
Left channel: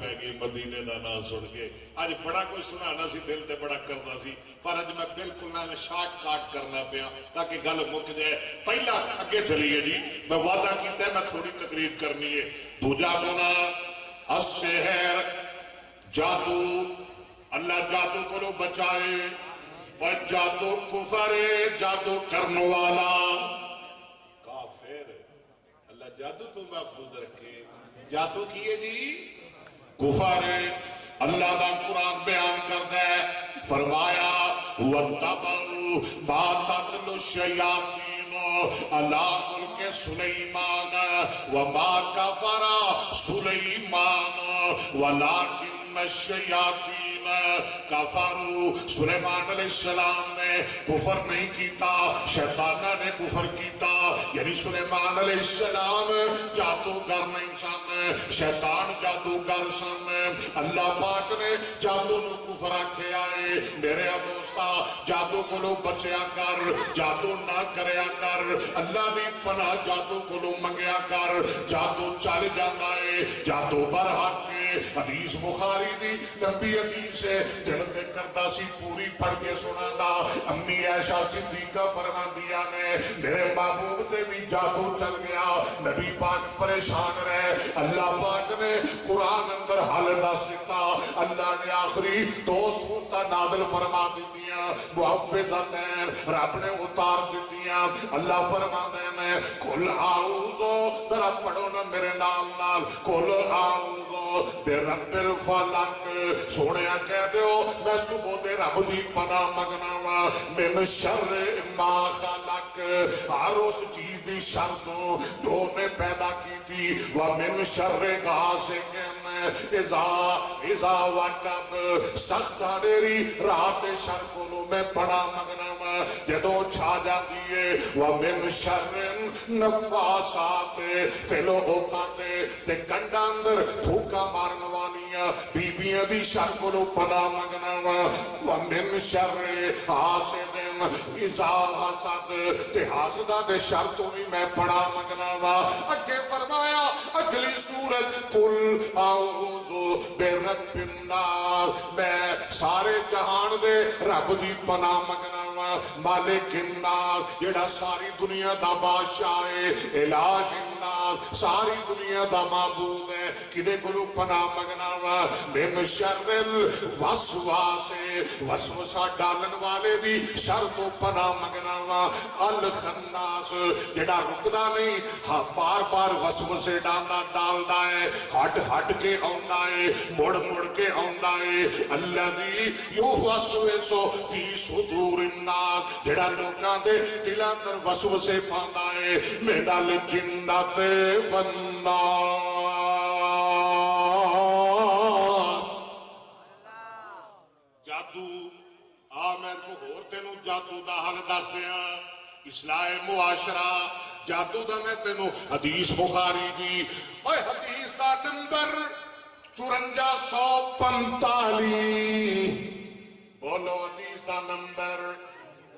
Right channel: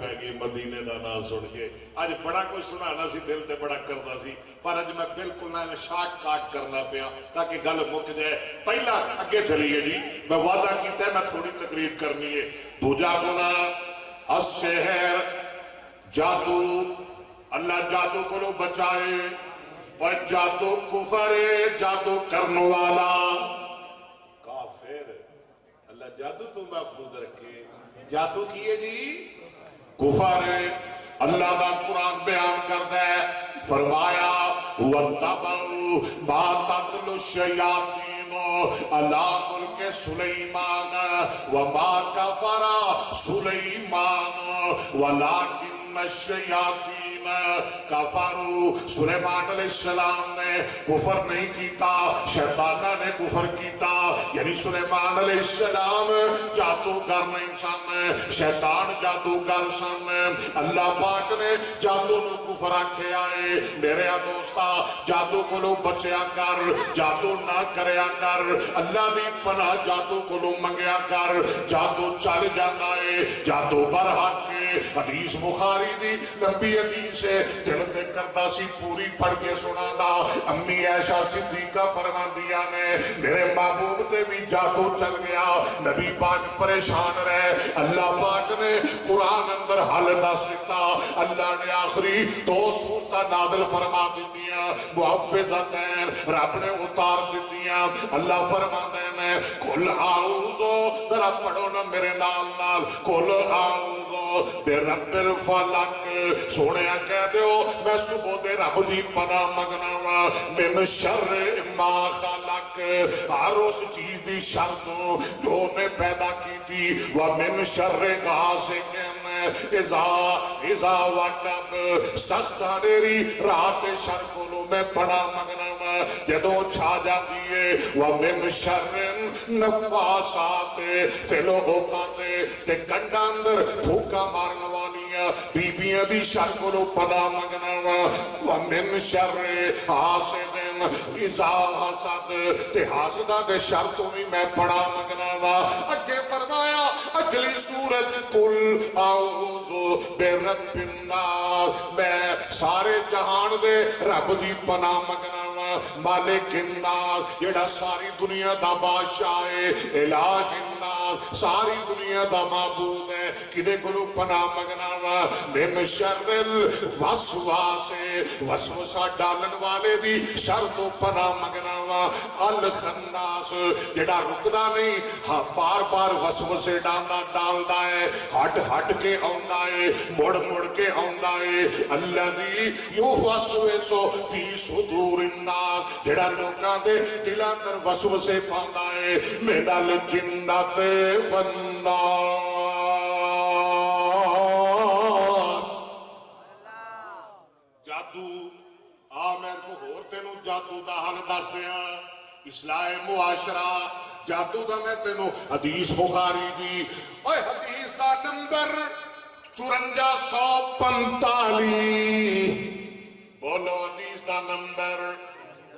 پہ گئی مدینے دا نام سن کے اج بڑا کوئی سنانا سی دل تے بڑا کرنا سی پر اج میں بالکل نہ شارٹ کاٹ کرنا پیا تاکہ گل مک جائے پہلا اگے چلیے جی میں وعدہ کیتا ہے میں تھوڑی تقریر کرنی ہے دوجا گناہ السحر جادو اللہ جادو کو بچائے اور جادو کفر جادو کرنے والا کافر اللہ جادو تو محفوظ رکھے جادو کیے جی کفر اللہ دا قرآن بیان کرتا ہے فرمایا وَاتَّبَعُوا مَا تَتْلُو الشَّيَاطِينُ عَلَىٰ مُلْكِ سُلَيْمَانَ وَمَا كَفَرَ سُلَيْمَانُ وَلَٰكِنَّ الشَّيَاطِينَ کفروا سلیمان علیہ السلام نے کفر نہیں کیتا شیطانہ نے کفر کیتا یعنی سلیمان علیہ السلام جادوگر نہیں سن شیطان جادوگر سن اللہ پاک نے جادو نو کفر آکھے آئے میرے دوستا جادو کو لو بچیا کر جادو نہ کریا کر اللہ بھی پناہ جادو کو لو منگیا کر جادو چل جانا ہے جادو برحق کے حدیث بخاری دی نبی حدیث سے دل تے کردہ سی پوری پڑھ کے سنا دا امی عائشہ صدیقہ فرما دیا نے میرے محبوب تے بھی جادو چل گیا نبی پاک پریشان رہے اللہ پاک نے قرآن اندر حل دس دیتا اللہ نے آخری 2 سورتاں نازل فرما دیتیاں محفظتین رب نے اتار دیتیاں اللہ فرما دینے کل آؤذو ذرا پڑھو نا میرے نال کل آؤذو بے رب الفلق سونے کہہ دیو میں صبح دے رب دی پناہ مگنا وا من شر ما خلق ہر اس چیز دی شر تو جو نے پیدا کی تھی ومن شر غاسق اذا وقب سخت ہنیری رات شر کو میں پناہ مگنا وا جدو چھا جاتی ہے ومن شر نفاسات فی العقد تے کنڈا اندر پھوکا مارن والیاں بیبیاں دی شر کو پناہ مگنا وا ومن شر حاسد اذا حسد تے حاسدہ دے شر تو بھی میں پناہ مگنا وا اگے فرمایا اگلی سورت سورت قل اعوذ برب الناس، میں سارے جہان دے رب دی پناہ منگنا وا، مالک الناس جڑا ساری دنیا دا بادشاہ ہے، الہ الناس ساری دنیا دا معبود ہے، کدے کولوں پناہ منگنا وا، من شر الوسواس وسوسہ ڈالن والے دی شر تو پناہ منگنا وا، الخناس جڑا رکدا نہیں، ہاں بار بار وسوسے ڈالدا ہے، ہٹ ہٹ کے آندا ہے، مڑ مڑ کے آندا ہے، الذی یوسوس فی صدور الناس جڑا لوکاں دے دلاں اندر وسوسے پاوندا ہے، من الجنۃ والناس۔ جادو آ میں کو ہور تینوں جادو دا حل دس دیاں، اصلاح معاشرہ جادو دا میں تینوں حدیث بخاری دی، اوے حدیث دا نمبر 5445، بولو حدیث دا نمبر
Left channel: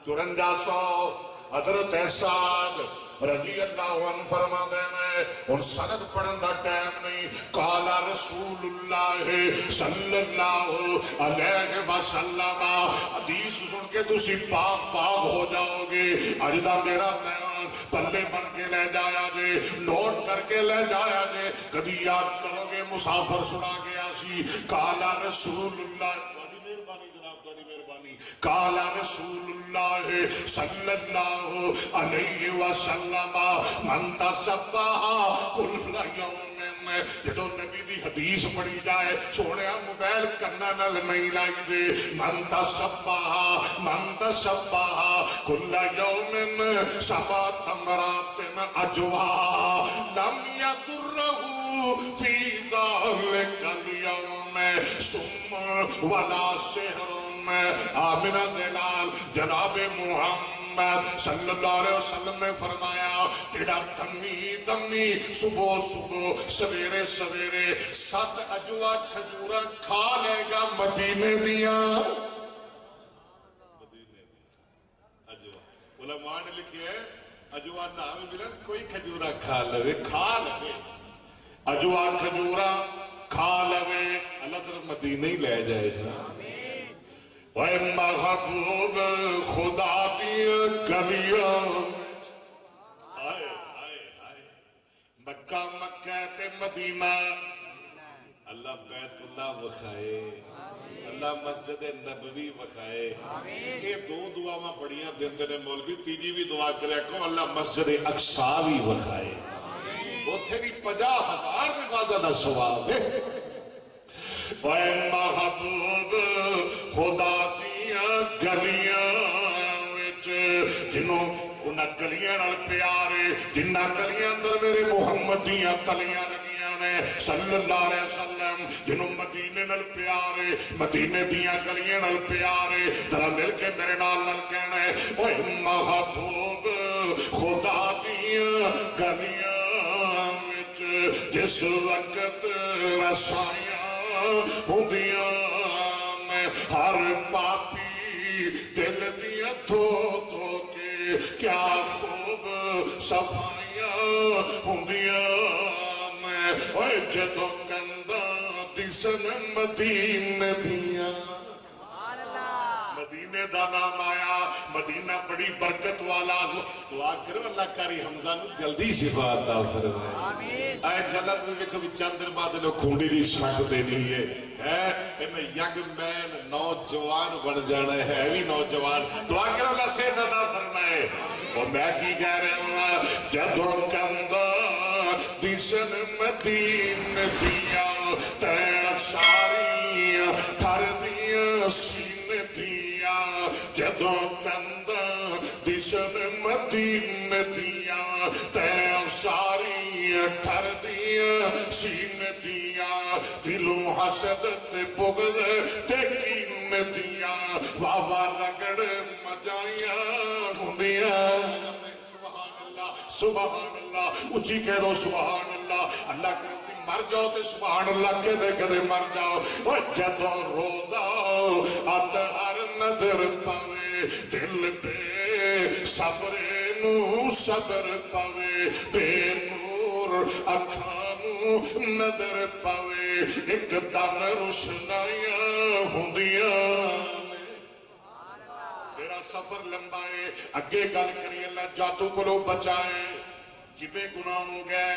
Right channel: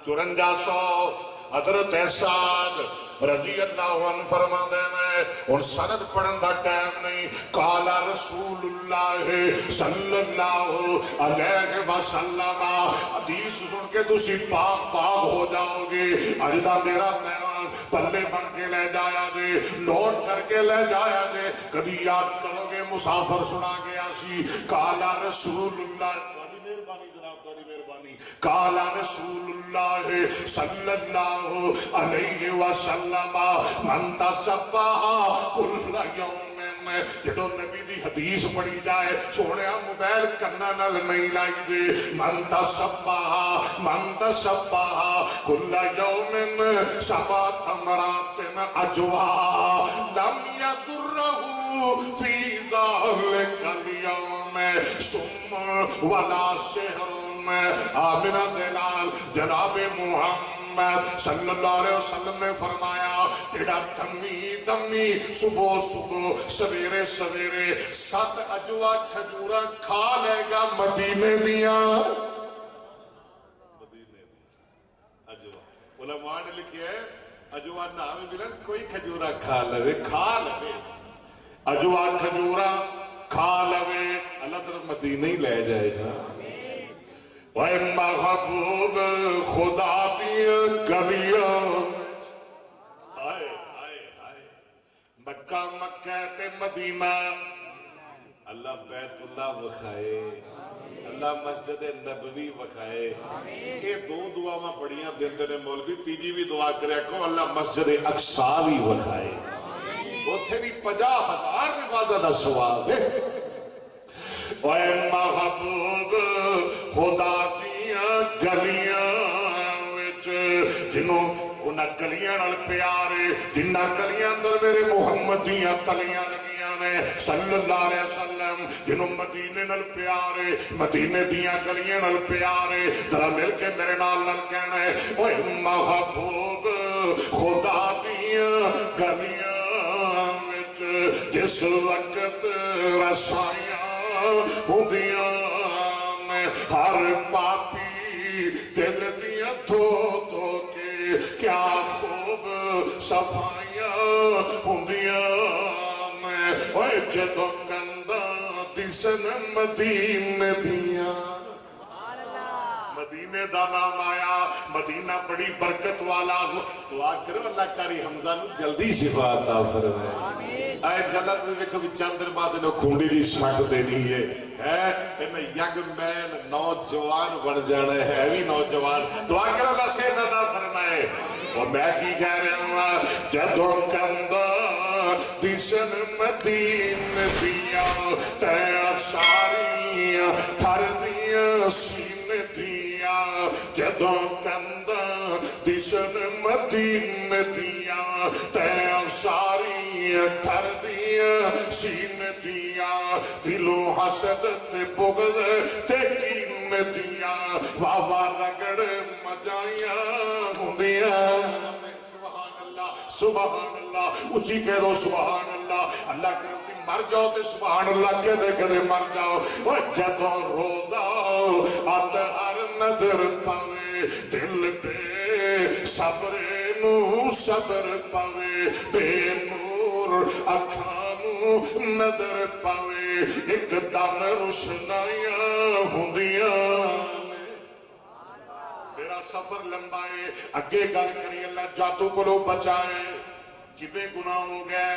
5400، حضرت سعد رضی اللہ عنہ فرما دینے، ان سند پڑھن دا ٹائم نہیں، قال رسول اللہ صلی اللہ علیہ وسلم، حدیث سن کے تسی پاک پاک ہو جاؤ گے، اجدہ میرا پیغام پلے بن کے لے جایا گے، نوٹ کر کے لے جایا گے، کبھی یاد کرو گے مسافر سنا گیا سی، قال رسول اللہ، قال رسول اللہ صلی اللہ علیہ وسلم، من تصبح کل یوم، جدو نبی دی حدیث پڑھی جائے سونے موبائل کرنا نل نہیں لائی دے، من تصبح کل یوم 7 تمرات اجوا لم یضرہ فی ذلک اليوم سم ولا سحر، آمنہ دلال جناب محمد صلی اللہ علیہ وسلم نے فرمایا تیڑا دمی صبح سویرے 7 اجوا کھجورہ کھا لے گا مدینے دیا، اجوا علماء نے لکھے ہے اجوا نام ملن کوئی کھجورہ کھا لے، اجوا کھجورہ کھا لے، اللہ تعالیٰ مدینے ہی لے جائے گا۔ وَاے محبوب خدا دی گلیاں، آئے مکہ تے مدینہ، اللہ بیت اللہ وکھائے، اللہ مسجد نبوی وکھائے، یہ 2 دعاواں بڑیاں دیندے نے مولوی، تیجی بھی دعا کرے کو اللہ مسجد اقصیٰ بھی وکھائے، اتھے بھی 50,000 نمازہ دا ثواب ہے۔ اے محبوب خدا دیاں گلیاں وچ، جنہوں انہاں گلیاں نال پیارے، جنہ گلیاں اندر میرے محمد دیاں تلیاں لگیاں نے صلی اللہ علیہ وسلم، جنہوں مدینے نال پیارے، مدینے دیاں گلیاں نال پیارے، ذرا مل کے میرے نال کہنا ہے، اے محبوب خدا دیاں گلیاں وچ، جس وقت رسائیاں ہوندیاں میں ہر پاپی دل دیاں دھو کے، کیا خوب صفائیاں ہوندیاں میں، اوہ جدو کنداں دسن مدینے دیاں، مدینے دا نام آیا، مدینہ بڑی برکت والا، دعا کرو اللہ کاری حمزہ نو جلدی شفا عطا فرمائے۔ اے جلت ویکھو بھی چند دن بعد انہوں کھونڈی دی سمٹ دینی ہے، انہیں ینگ مین نوجوان بن جانا ہے، بھی نوجوان، دعا کرو اللہ سے عطا فرمائے۔ اور میں کی کہہ رہا ہوں، جدو کندہ دسن مدینے دیاں، تیاں ساریاں ٹھر دیاں سینے دیاں، جدو کندہ دسن مدینے دیاں، تیاں ساریاں ٹھر دیاں سینے دیاں، دلو حسد تے بغض تے کینے دیاں، واہ رگڑ مجائیاں ہوندیاں۔ سبحان اللہ، اچھی کہہ دو سبحان اللہ، اللہ کرتی مر جاؤ تے سبحان اللہ کہہ مر جاؤ، جدو روزہ اطہر نظر پاوے، دل پہ صبر نو صبر پاوے، بے نور اکھاں نو نظر پاوے ایک دم روشنائیاں ہوندیاں نے میرا سفر لمبا ہے اگے گل کری اللہ جادو کو بچائے کنے گناہ ہو گئے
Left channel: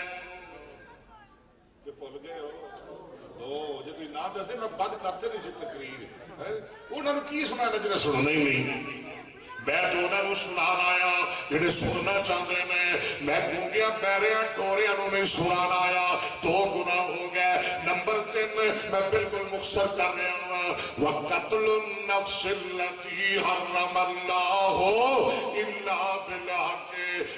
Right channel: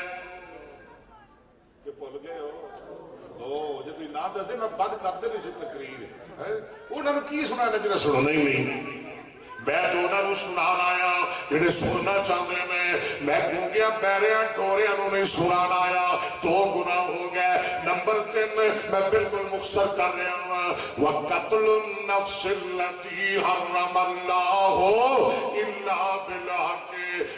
کہ بھول گئے ہو تو جب تھی نہ دس دے میں بند کرتے نہیں سی تقریر انہوں نے کی سنا ہے جنہیں سنو نہیں میں جو انہوں نے سنان آیا جنہیں سننا چاہتے میں گونگیاں بیریاں ٹوریاں انہوں نے سنان آیا دو گناہ ہو گئے نمبر 3 میں بالکل مختصر کر رہا ہوں وَقَتْلُ النَّفْسِ الَّتِي حَرَّمَ اللَّهُ إِلَّا بِالْحَقِّ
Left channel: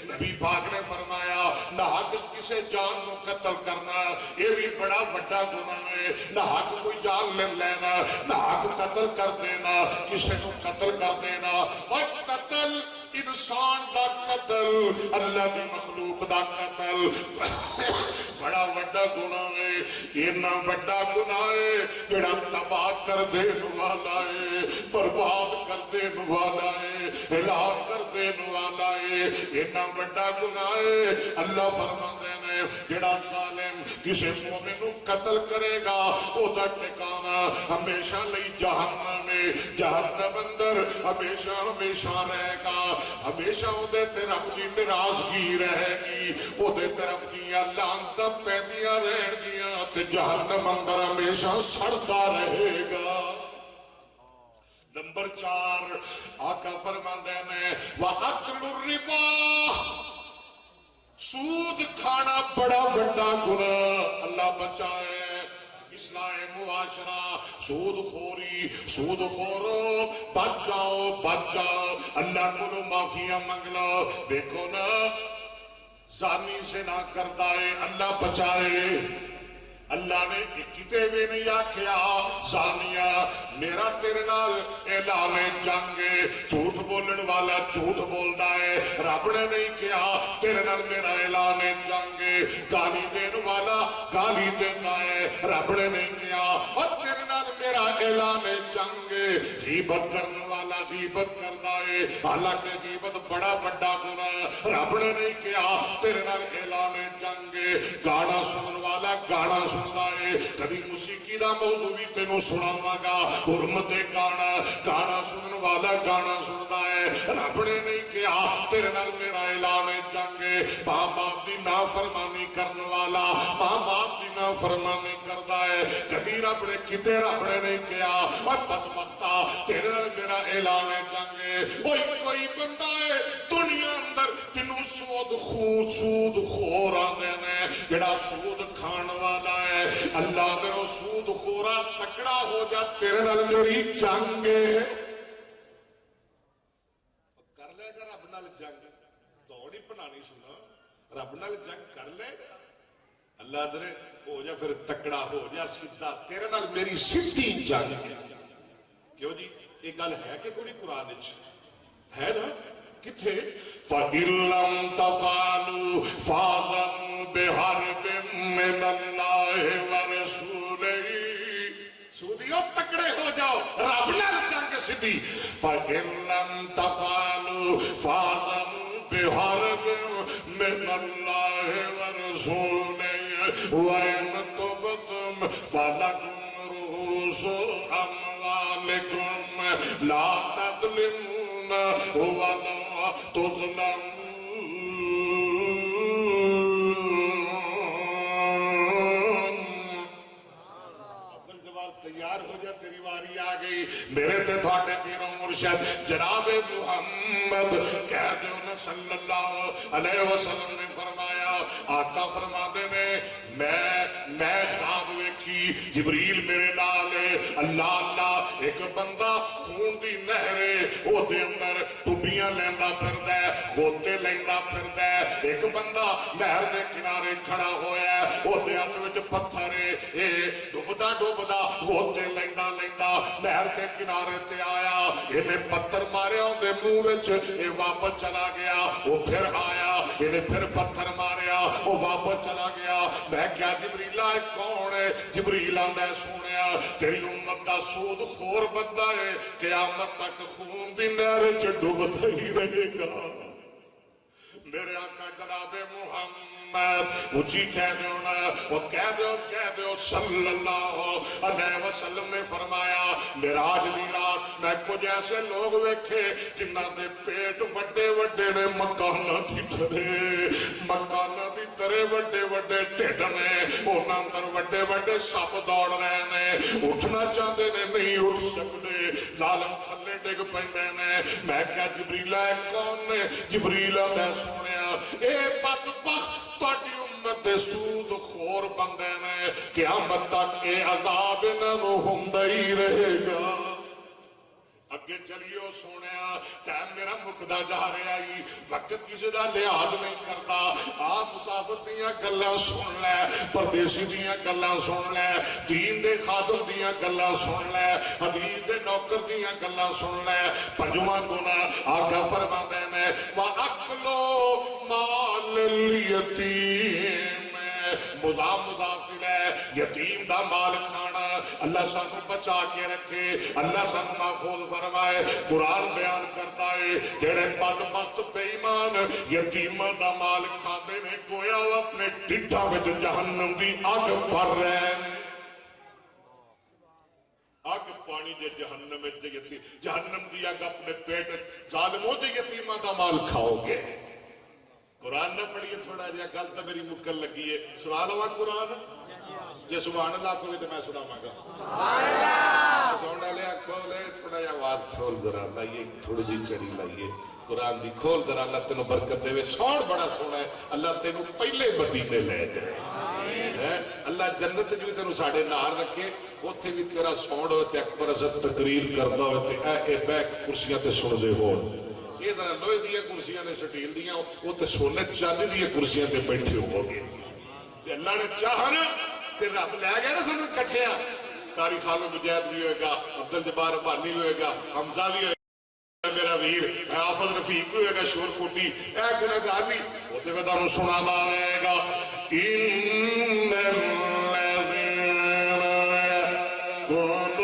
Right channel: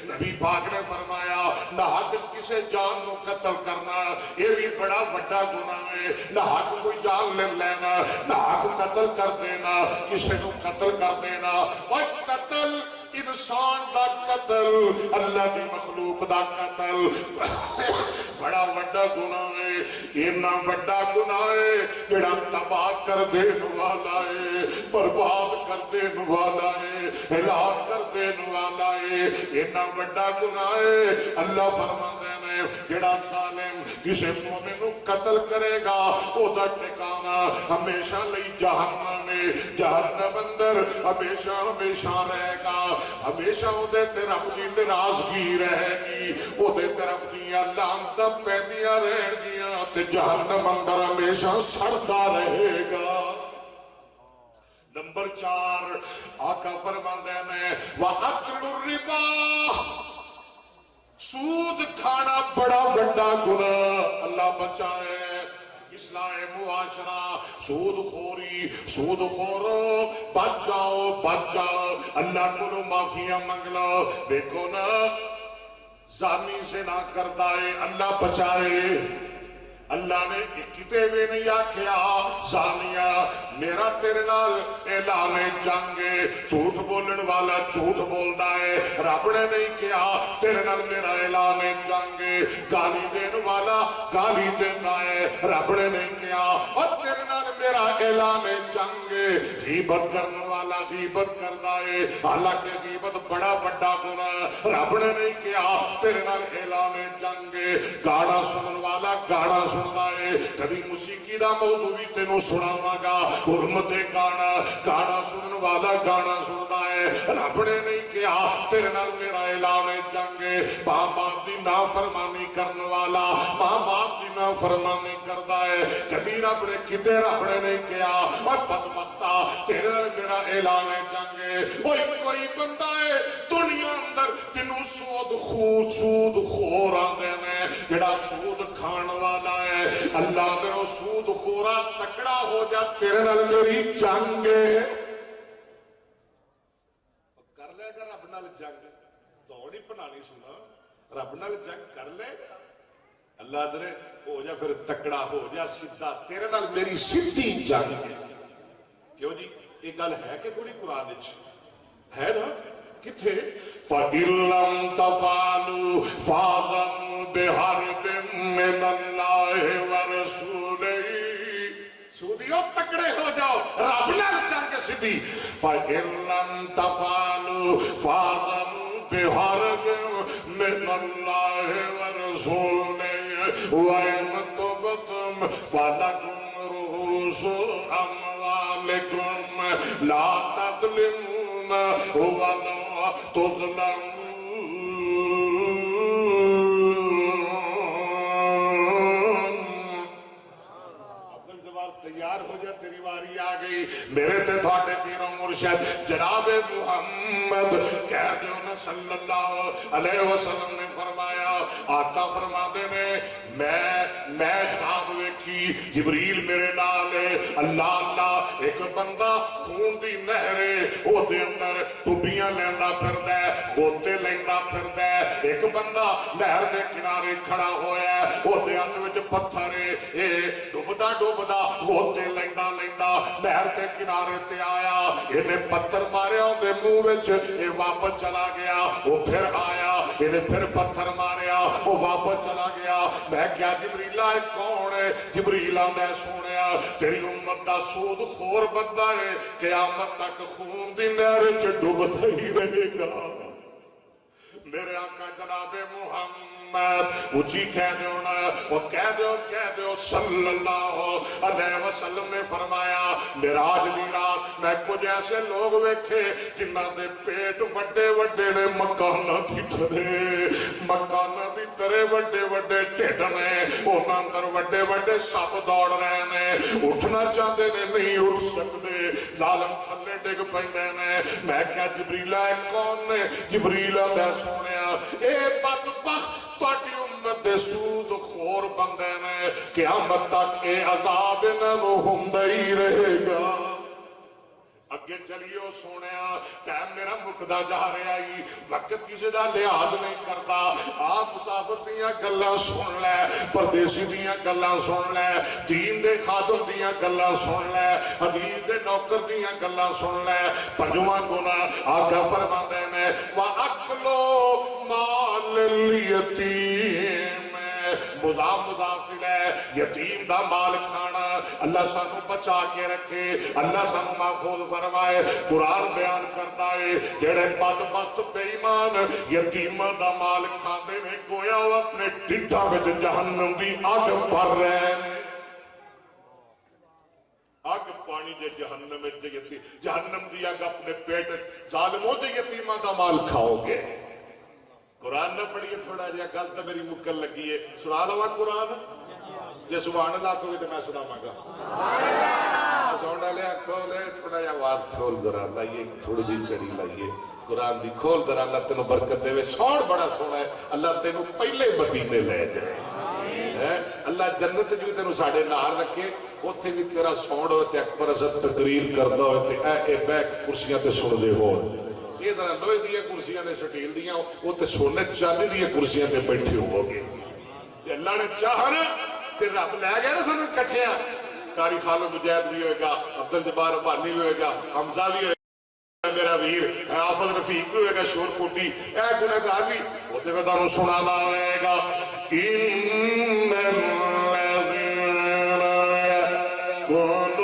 نبی پاک نے فرمایا نہ حق کسے جان کو قتل کرنا یہ بھی بڑا بڑا گناہ ہے نہ حق کوئی جان لے لینا نہ حق قتل کر دینا کسے کو قتل کر دینا اور قتل انسان دا قتل اللہ کی مخلوق دا قتل بڑا بڑا گناہ ہے اتنا بڑا گناہ ہے جڑا تباہ کر دین والا ہے برباد کر دین والا ہے ہلاک کر دین والا ہے اتنا بڑا گناہ ہے اللہ فرماتے ہیں جڑا ظالم کسی مومن کو قتل کرے گا او دا ٹھکانہ ہمیشہ لئی جہنم میں جہنم اندر ہمیشہ ہمیشہ رہے گا ہمیشہ او دے رب دی ناراضگی رہے گی او دے رب دی لعنتاں پیندیاں رہن گیاں تے جہنم اندر ہمیشہ سڑتا رہے گا نمبر 4 آقا فرماندے ہیں وَأَكْلُ الرِّبَا سود کھانا بڑا بڑا گناہ اللہ بچائے اصلاح معاشرہ سود خوری سود خورو بچ جاؤ اللہ کو معافیاں منگ لو دیکھو نا زانی سے نہ کرتا ہے اللہ بچائے اللہ نے کتے بھی نہیں آکھیا زانیہ میرا تیرے نال اعلان جنگ جھوٹ بولن والا جھوٹ بولدا ہے رب نے نہیں کیا تیرے نال میرا اعلان جنگ گالی دین والا گالی دیتا ہے رب نے نہیں کیا اور تیرے نال میرا اعلان جنگ غیبت کرنے والا غیبت کردا ہے حالانکہ غیبت بڑا بڑا گناہ رب نے نہیں کیا تیرے نال اعلان جنگ گانا سنن والا گانا سنتا ہے کبھی موسیقی دا موضوع بھی تینوں سناواں گا حرمت گانا سنن والا گانا سنتا ہے رب نے نہیں کیا تیرے نال میرا اعلان جنگ ماں باپ دی نافرمانی کرنے والا ماں باپ دی نافرمانی کردا ہے کبھی رب نے کتے رب نے نہیں کیا اور بدبختا تیرے نال میرا اعلان جنگ کوئی بندہ ہے دنیا اندر تینوں سود خور آندے نے جڑا سود کھان والا ہے اللہ میرا سود خورا تکڑا ہو جا تیرے نال میری جنگ کر لے گا رب نال جنگ دوڑی بنانی سنا رب نال جنگ کر لے گا اللہ درے ہو جا پھر تکڑا ہو جا سیدھا تیرے نال میری سیدھی جنگ کیوں جی یہ گل ہے کہ پوری قرآن ہے نا کتھے فَإِن لَمْ تَفْعَلُوا فَأْذَنُوا بِحَرْبٍ مِّنَ اللَّهِ وَرَسُولِهِ سودیو تکڑے ہو جاؤ رب نال جنگ سیدھی فَإِن لَمْ تَفْعَلُوا فَأْذَنُوا بِحَرْبٍ مِّنَ اللَّهِ وَرَسُولِهِ وَإِن تُبْتُمْ فَلَكُمْ رُءُوسُ أَمْوَالِكُمْ لَا تَظْلِمُونَ وَلَا تُظْلَمُونَ عبدالجبار تیار ہو جا تیری واری آ گئی میرے تے تھوڑے پیر و مرشد جناب محمد کہہ دیو نا صلی اللہ علیہ وسلم نے فرمایا آقا فرما دے میں خواب ویکھی جبریل میرے نال اللہ ایک بندہ خون دی نہرے او دے اندر ٹوبیاں لیندا پھردا ہے غوطے لیندا پھردا ہے ایک بندہ نہر دے کنارے کھڑا ہویا ہے او دے ہاتھ وچ پتھر ہے ڈوبدا غوطے لیندا نہر دے کنارے تے آیا اینے پتھر ماریا اون دے منہ وچ اے واپس چلا گیا او پھر آیا اینے پھر پتھر ماریا او واپس چلا گیا میں کیا جبریل ہے کون ہے جبریل آندا ہے سونیا تیری امت دا سود خور بندہ ہے قیامت تک خون دی نہر وچ ڈوبدا ہی رہے گا میرے آقا جناب محمد اچھی کہہ دو نا، وہ کہہ دو صلی اللہ علیہ وسلم نے فرمایا معراج دی رات میں کچھ ایسے لوگ ویکھے جنہاں دے پیٹ وڈے وڈے نے مکاناں دی طرح وڈے وڈے ڈھڈ نے، انہاں اندر وڈے وڈے سپ دوڑ رہے نے، اٹھنا چاہتے نے نہیں اٹھ سکتے، ظالم تھلے ڈگ پیندے نے۔ میں کہا جبریل ہے کون نے؟ جبریل ہے سونیا اے بدبخت تہاڈی امت دے سود خور بندے نے، قیامت تک اے عذاب انہاں نوں ہوندا ہی رہے گا۔ اگے چلیو سونیا، ٹائم میرا مکدا جا رہا ہی، وقت کسی دا لحاظ نہیں کرتا۔ آپ مسافر دیاں گلاں سن لے، پردیسی دیاں گلاں سن لے، دین دے خادم دیاں گلاں سن لے، حدیث دے نوکر دیاں گلاں سن لے۔ پنجواں گناہ آقا فرماندے نے وَأَكْلُ مَالِ الْيَتِيمِ، مضافل ہے، یتیم دا مال کھانا۔ اللہ سانو بچا کے رکھے، اللہ سانو محفوظ فرمائے۔ قرآن بیان کرتا ہے جڑے بدبخت بے ایمان یتیم دا مال کھاندے نے، گویا وہ اپنے ڈھڈاں وچ جہنم دی اگ بھر رہے ہیں۔ اگ پانی جے جہنم وچ جہنم دی اگ اپنے پیٹ، ظالموں دے یتیماں دا مال کھاؤ گے۔ قرآن نہ پڑھیے تھوڑا جہا، گل تو میری مکن لگی ہے، سنا لوا قرآن جی سبحان اللہ کو بھی تو میں سناواں گا۔ ساؤنڈ والے کھولے تھوڑا جہا آواز کھول ذرا لائیے، تھوڑی جی چڑی لائیے قرآن دی کھول ذرا، اللہ تینوں برکت دے۔ ساؤنڈ بڑا سونا ہے، اللہ تینوں پہلے مدینے لے جائے، اللہ جنت جو تینوں ساڑھے نال رکھے، اوتھے بھی تیرا ساؤنڈ ہوتے اکبر حضرت تقریر کردا ہوتے اے بیک کرسیاں تے سن دے ہو۔ یہ ذرا لوہے دیا کرسیاں نے سٹیل دیا، وہ تے سونے چاندی دیا کرسیاں تے بیٹھے ہو گے۔ تے اللہ نے چاہنا تے رب لے گیا نا سانوں کٹھیا۔ قاری خالد مجاہد بھی ہوئے گا، عبدالجبار ربانی بھی ہوئے گا، حمزہ بھی ہوئے گا، میرا ویر حافظ رفیق بھی ہوئے گا، شور کوٹی اے گنہگار بھی وہ تے میں تانوں سنانا رہے گا۔ ان الذین یأکلون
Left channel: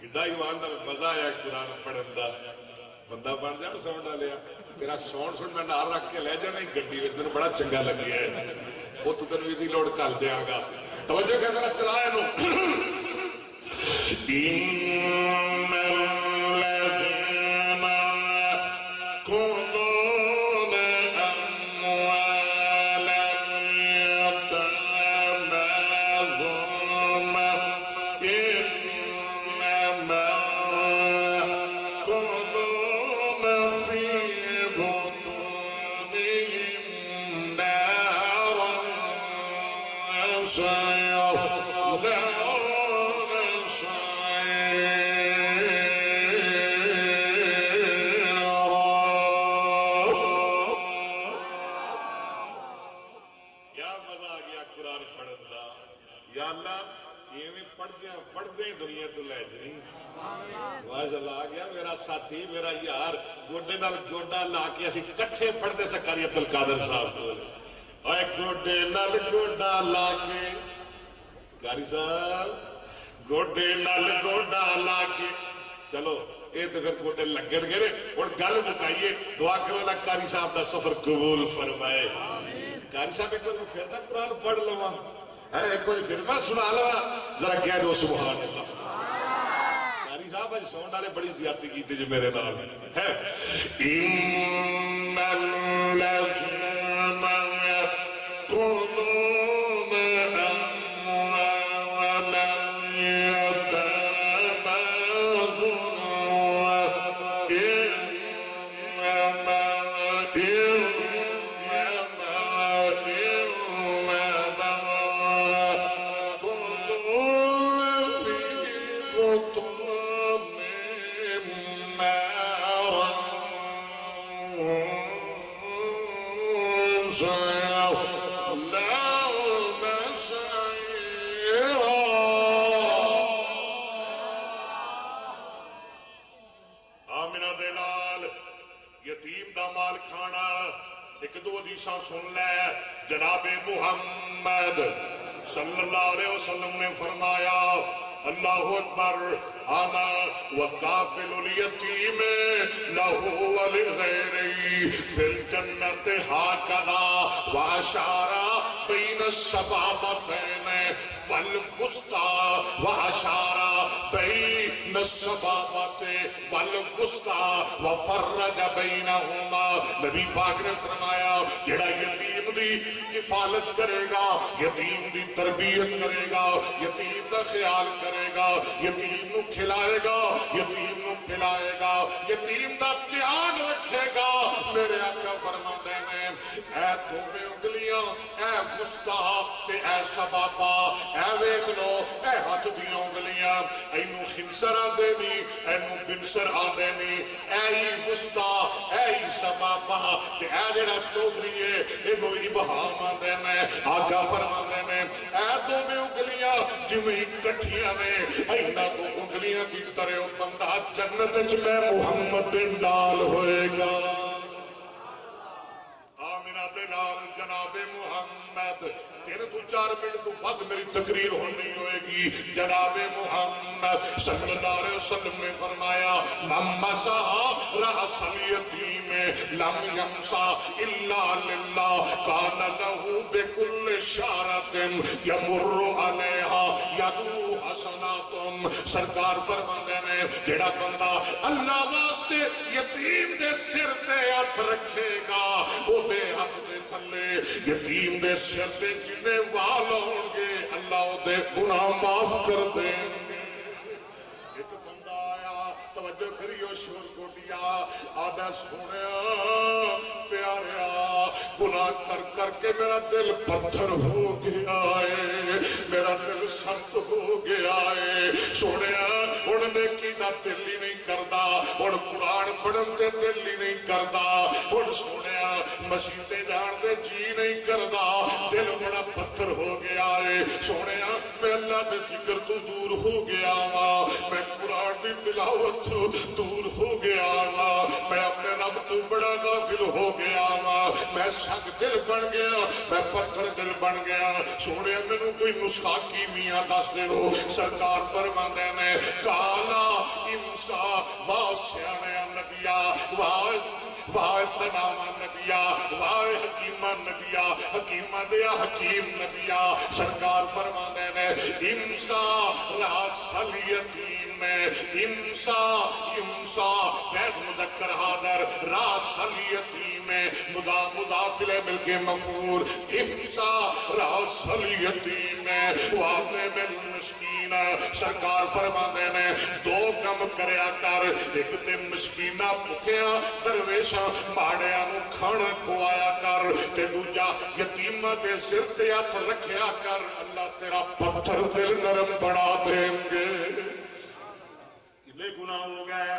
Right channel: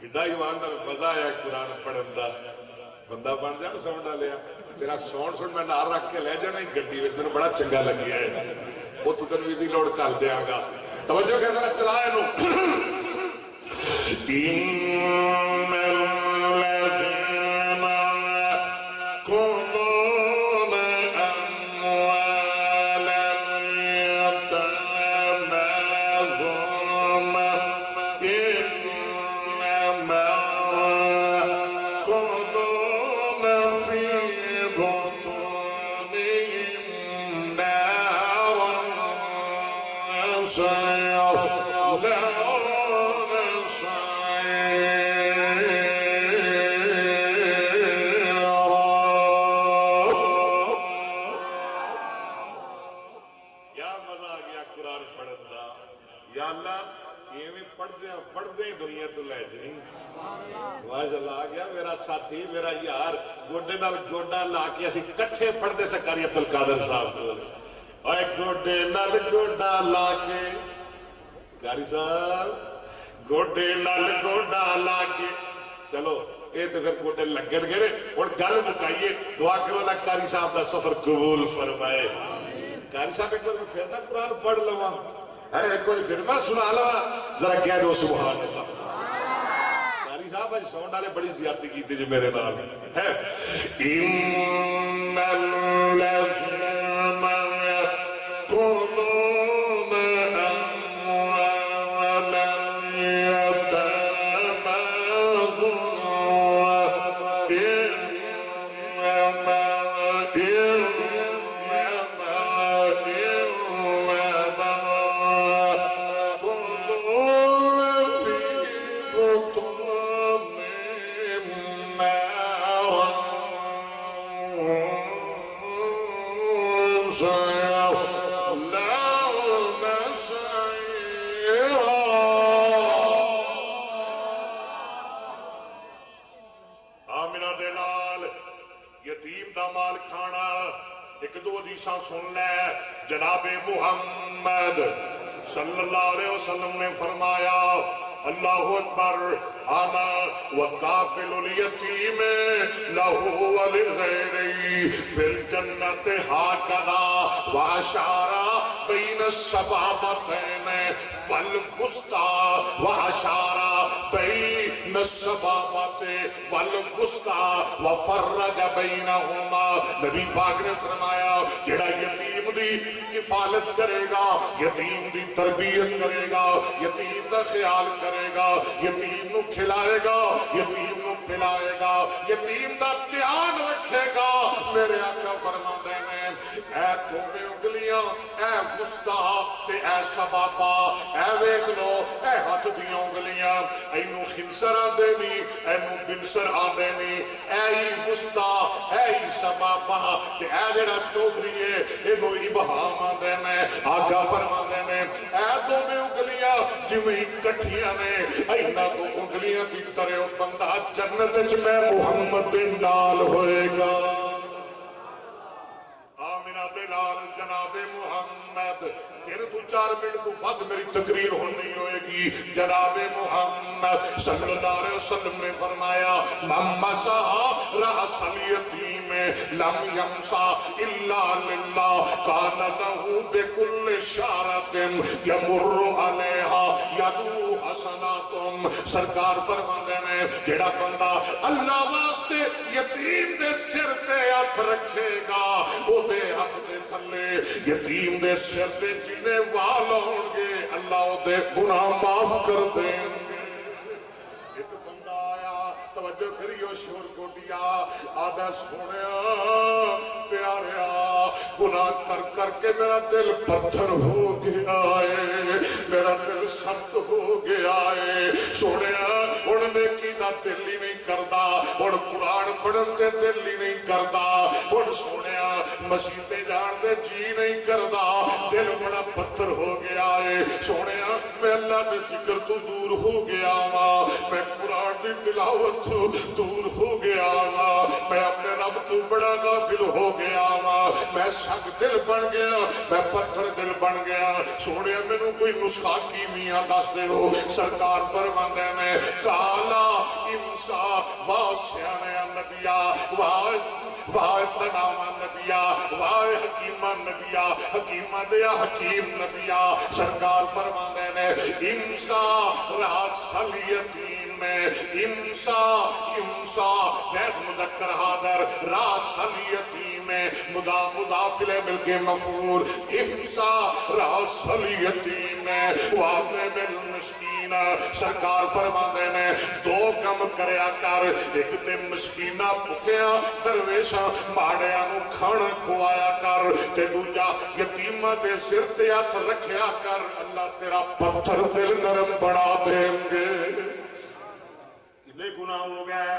کڈا ایماندار مزہ آیا قرآن پڑھن دا، بندہ بن جانا ساؤنڈ والیا، تیرا ساؤنڈ سن میں نال رکھ کے لے جانا گڈی وچ، تینوں بڑا چنگا لگیا ہے، وہ تو تینوں ایدی لوڑ کر دیاں گا۔ توجہ کہ ذرا چلا اینو۔ ان الذین یأکلون اموال الیتامی ظلما انما یأکلون فی بطونہم نارا سیصلون دنیا تو لے جائیں۔ ماشاءاللہ آ گیا میرا ساتھی، میرا یار، گوڈے نال گوڈا لا کے اسی کٹھے پڑھتے سے قاری عبدالقادر صاحب کو، اے گوڈے نال گوڈا لا کے، قاری صاحب گوڈے نال گوڈا لا کے، چلو اے تو پھر گوڈے لگن گئے، اور گل مکائیے، دعا کرو اللہ قاری صاحب دا سفر قبول فرمائے۔ قاری صاحب ایک بار پھر نہ قرآن پڑھ لوا، ایک بار پھر میں سنا لوا، ذرا کہہ دو سبحان اللہ۔ قاری صاحب آج ساؤنڈ والے بڑی زیادتی کی تھی جو میرے نال ہے۔ ان الذین یأکلون اموال الیتامی ظلما انما نال کھانا ایک دو حدیثاں سن لے جناب محمد صلی اللہ علیہ وسلم نے فرمایا اللہ اکبر انا وکافل الیتیم لہ ولغیرہ فی الجنت ہاکذا واشار بین السبابتین والوسطی واشار بین السبابت والوسطی وفرج بینہما نبی پاک نے فرمایا جڑا یتیم دی کفالت کرے گا یتیم دی تربیت کرے گا یتیم دا خیال کرے گا یتیم نو کھلائے گا یتیم نو پلائے گا یتیم دا دھیان رکھے گا میرے آقا فرماتے ہیں اے دوویں انگلیاں اے وسطی تے اے سبابہ اے ویکھ لو اے ہاتھ دیاں انگلیاں اینو خنصر آندے نی اینو بنصر آندے نی اے وسطی اے سبابہ تے اے جڑا چوبری ہے اینو ابہام آندے نے آقا فرماتے ہیں اے دوویں انگلیاں جویں کٹھیاں نے اینا تو انگلیاں کی طرح بندہ جنت وچ میں محمد دے نال ہوئے گا آمینہ دے نال جناب محمد تیرے تو 4 منٹ تو بعد میری تقریر ہونی ہوئے گی جناب محمد صلی اللہ علیہ وسلم نے فرمایا من مسح رأس الیتیم لم یمسح الا للہ کان لہ بکل شعرۃ یمر علیہا یدو حسناتم سرکار فرماندے نے جڑا بندہ اللہ واسطے یتیم دے سر تے ہاتھ رکھے گا او دے ہاتھ دے تھلے یتیم دے سر تے جنے وال ہون گے اللہ او دے گناہ معاف کر دیں گے ایک بندہ آیا توجہ کریو شور کو دیا آدھا سنیا پیاریا گناہ کر کر کے میرا دل پتھر ہو گیا ہے میرا دل سخت ہو گیا ہے سنیا اڑنے کی دا دل ہی نہیں کردا اڑ قرآن پڑھن تے دل ہی نہیں کردا اڑ سنیا مسیحے جان دے جی نہیں کردا دل بڑا پتھر ہو گیا ہے سنیا میں اللہ دے ذکر تو دور ہو گیا ہاں میں قرآن دی تلاوت تو دور ہو گیا ہاں میں اپنے رب تو بڑا غافل ہو گیا ہاں میں سخت دل بن گیا میں پتھر دل بن گیا سوڑیا میں نو کوئی نسخہ کیمیاں دس دے ہو سرکار فرماندے نے کالا امسا واسیانے نبیا واہ تناما نبیا واہ حکیمہ نبیا حکیمہ دیا حکیم نبیا سرکار فرماندے نے امسا راس الیتیم میں امسا غیر مذکر حاضر راس الیتیم میں مضافل ملک مفعول امسا راس الیتیم میں واضح بالمسکین سرکار فرماندے نے 2 کم کریا کر ایک تے مسکینہ پکیا درویشاں ماڑیاں نو کھانا کھوایا کر تے دوجا یتیمہ دے سر تے ہاتھ رکھیا کر اللہ تیرا پتھر دل نرم بنا دیں گے کتنے گناہ ہو گئے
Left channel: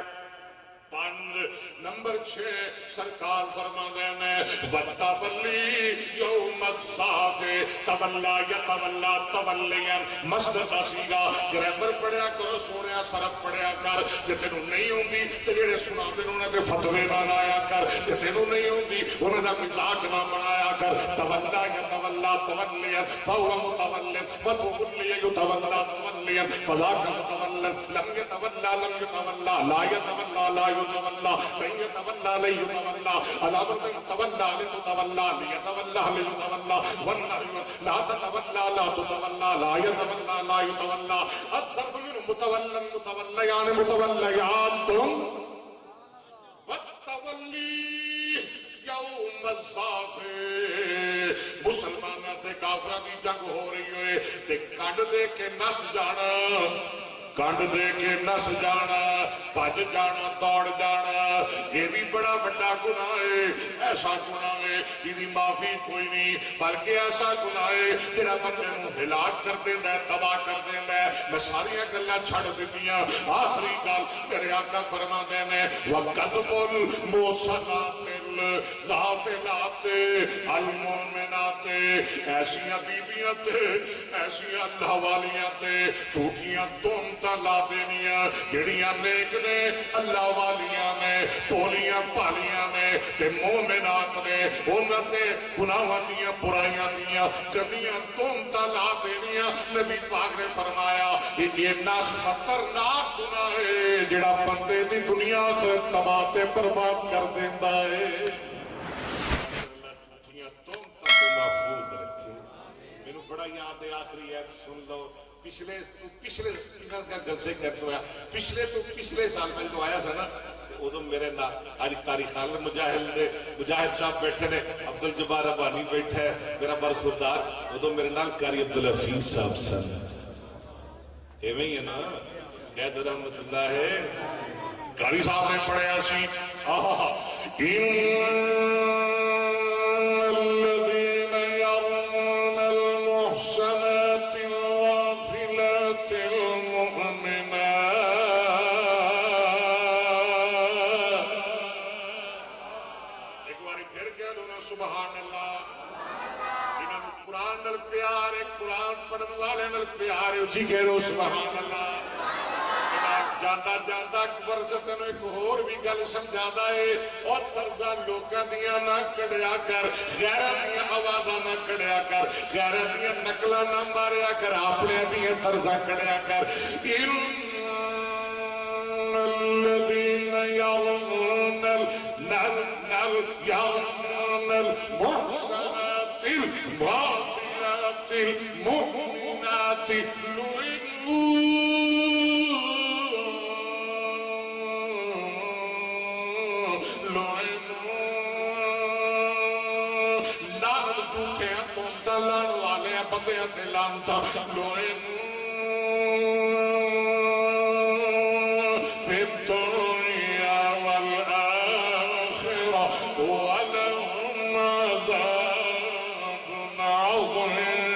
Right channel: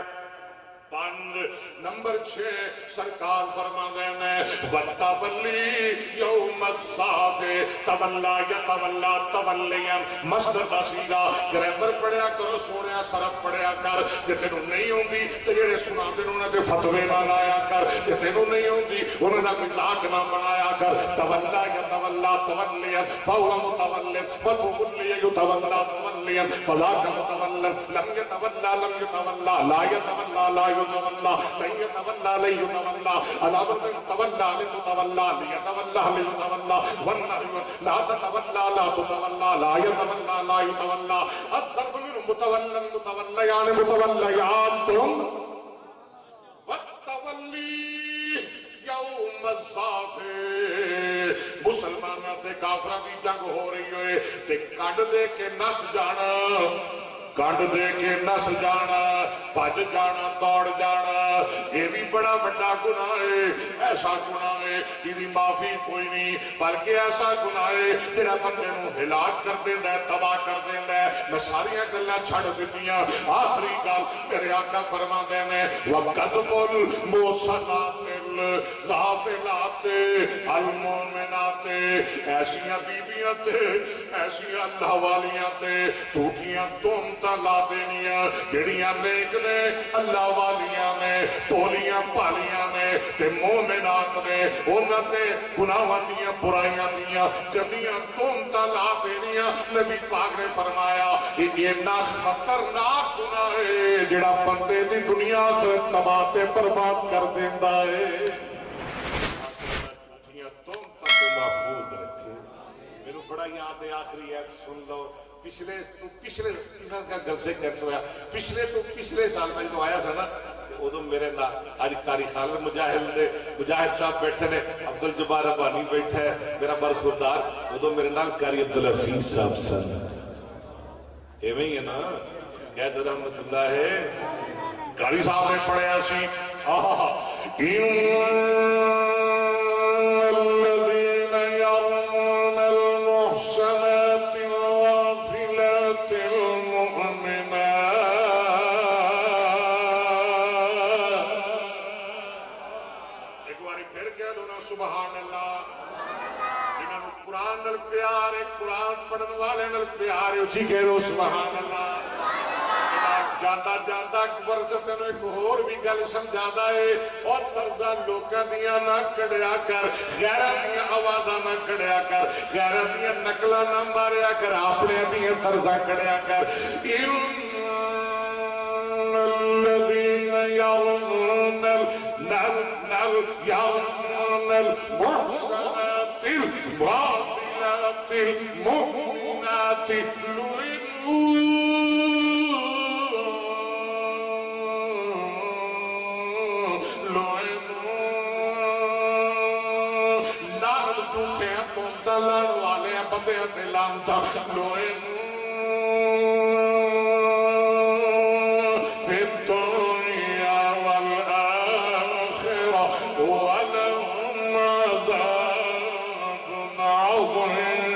5 نمبر 6 سرکار فرماندے نے وَتَوَلِّي يَوْمَ الزَّحْفِ تولا یتولا تولیا مصدر دا سیگا گرامر پڑھیا کرو سونیا صرف پڑھیا کر جے تینوں نہیں ہوندی تے جڑے سناندے نے انہاں دے فتوی نہ لایا کر جے تینوں نہیں ہوندی انہاں دا مزاق نہ بنایا کر تولا یتولا تولیا فهو متول وتولي يتولى توليا فذاك متول لم يتولى لا يتولى لا يتولى لن يتولى لن يتولى علامة تولى لتتولى ليتولى ليتولى والنهي لا تتولى لا تتولى لا يتولى لا يتولى الظرف من متولى يعني متوليات والتولي یوم الزحف مسلمانوں تے کافراں دی جنگ ہو رہی ہوئے تے کنڈ دے کے نس جانا کنڈ دے کے نس جانا بھج جانا دوڑ جانا یہ بھی بڑا بڑا گناہ ہے ایسا گناہ ہے جی معافی کوئی نہیں بلکہ ایسا گناہ ہے جڑا بندے نو ہلاک کر دیندا ہے تباہ کر دیندا ہے میں ساری گلاں چھڑ دتیاں آخری گل میرے آقا فرماندے نے وقذف المحصنات الغافلات المؤمنات ایسیاں بیویاں تے ایسیاں اللہ والیاں تے جھوٹیاں تہمتاں لا دینیاں جڑیاں نیک نے اللہ والیاں نے بولیاں پالیاں نے تے مومنات نے انہاں تے گناہاں دیاں برائیاں دیاں گندیاں تہمتاں لا دینیاں نبی پاک نے فرمایا یہ اتنا خطرناک گناہ ہے جڑا بندے دی دنیا سے تباہ تے برباد کر دیندا ہے جھوٹیاں تہمتاں تو محفوظ رکھے میرے بڑا یاد ہے آخری ایت سن لو پچھلے سال میں جو آیا سا نا ادو میرے اج قاری خالد مجاہد صاحب بیٹھے نے عبد الجبار ربانی بیٹھا ہے میرا برخوردار ادو میرے نال قاری عبدالحفیظ صاحب سن ایویں ہی ہے نا قید رحمت اللہ ہے قاری صاحب نے پڑھیا سی الذين يرمون المحصنات الغافلات المؤمنات ایک باری پھر کہہ دو نا سبحان اللہ انہوں نے قرآن نال پیار ہے قرآن پڑھن والے نال پیار ہے اچھی کہہ دو سبحان اللہ جاندہ جاندہ اکبر سے تینوں ایک اور بھی گل سمجھادا ہے اور طرزہ لوکاں دیاں نہ کڑیا کر غیرت دیاں آوازاں نہ کڑیا کر غیرت دیاں نقلاں نہ ماریا کر اپنے دیاں طرزہ کڑیا کر ان الذین یرمون المحصنات الغافلات المؤمنات لان والے بندے تے لانتا فی الدنیا والآخرہ ولہم عذاب عظیم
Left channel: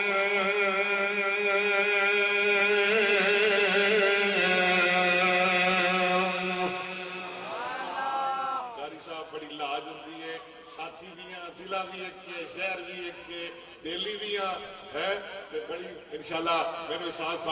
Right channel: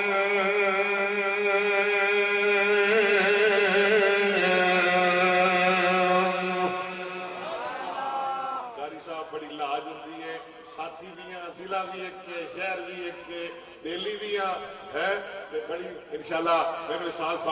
قاری صاحب بڑی لاج ہوتی ہے ساتھی بھی ہیں ضلع بھی ایک کے شہر بھی ایک کے دہلی بھی ہیں بڑی انشاءاللہ میں نے ساتھ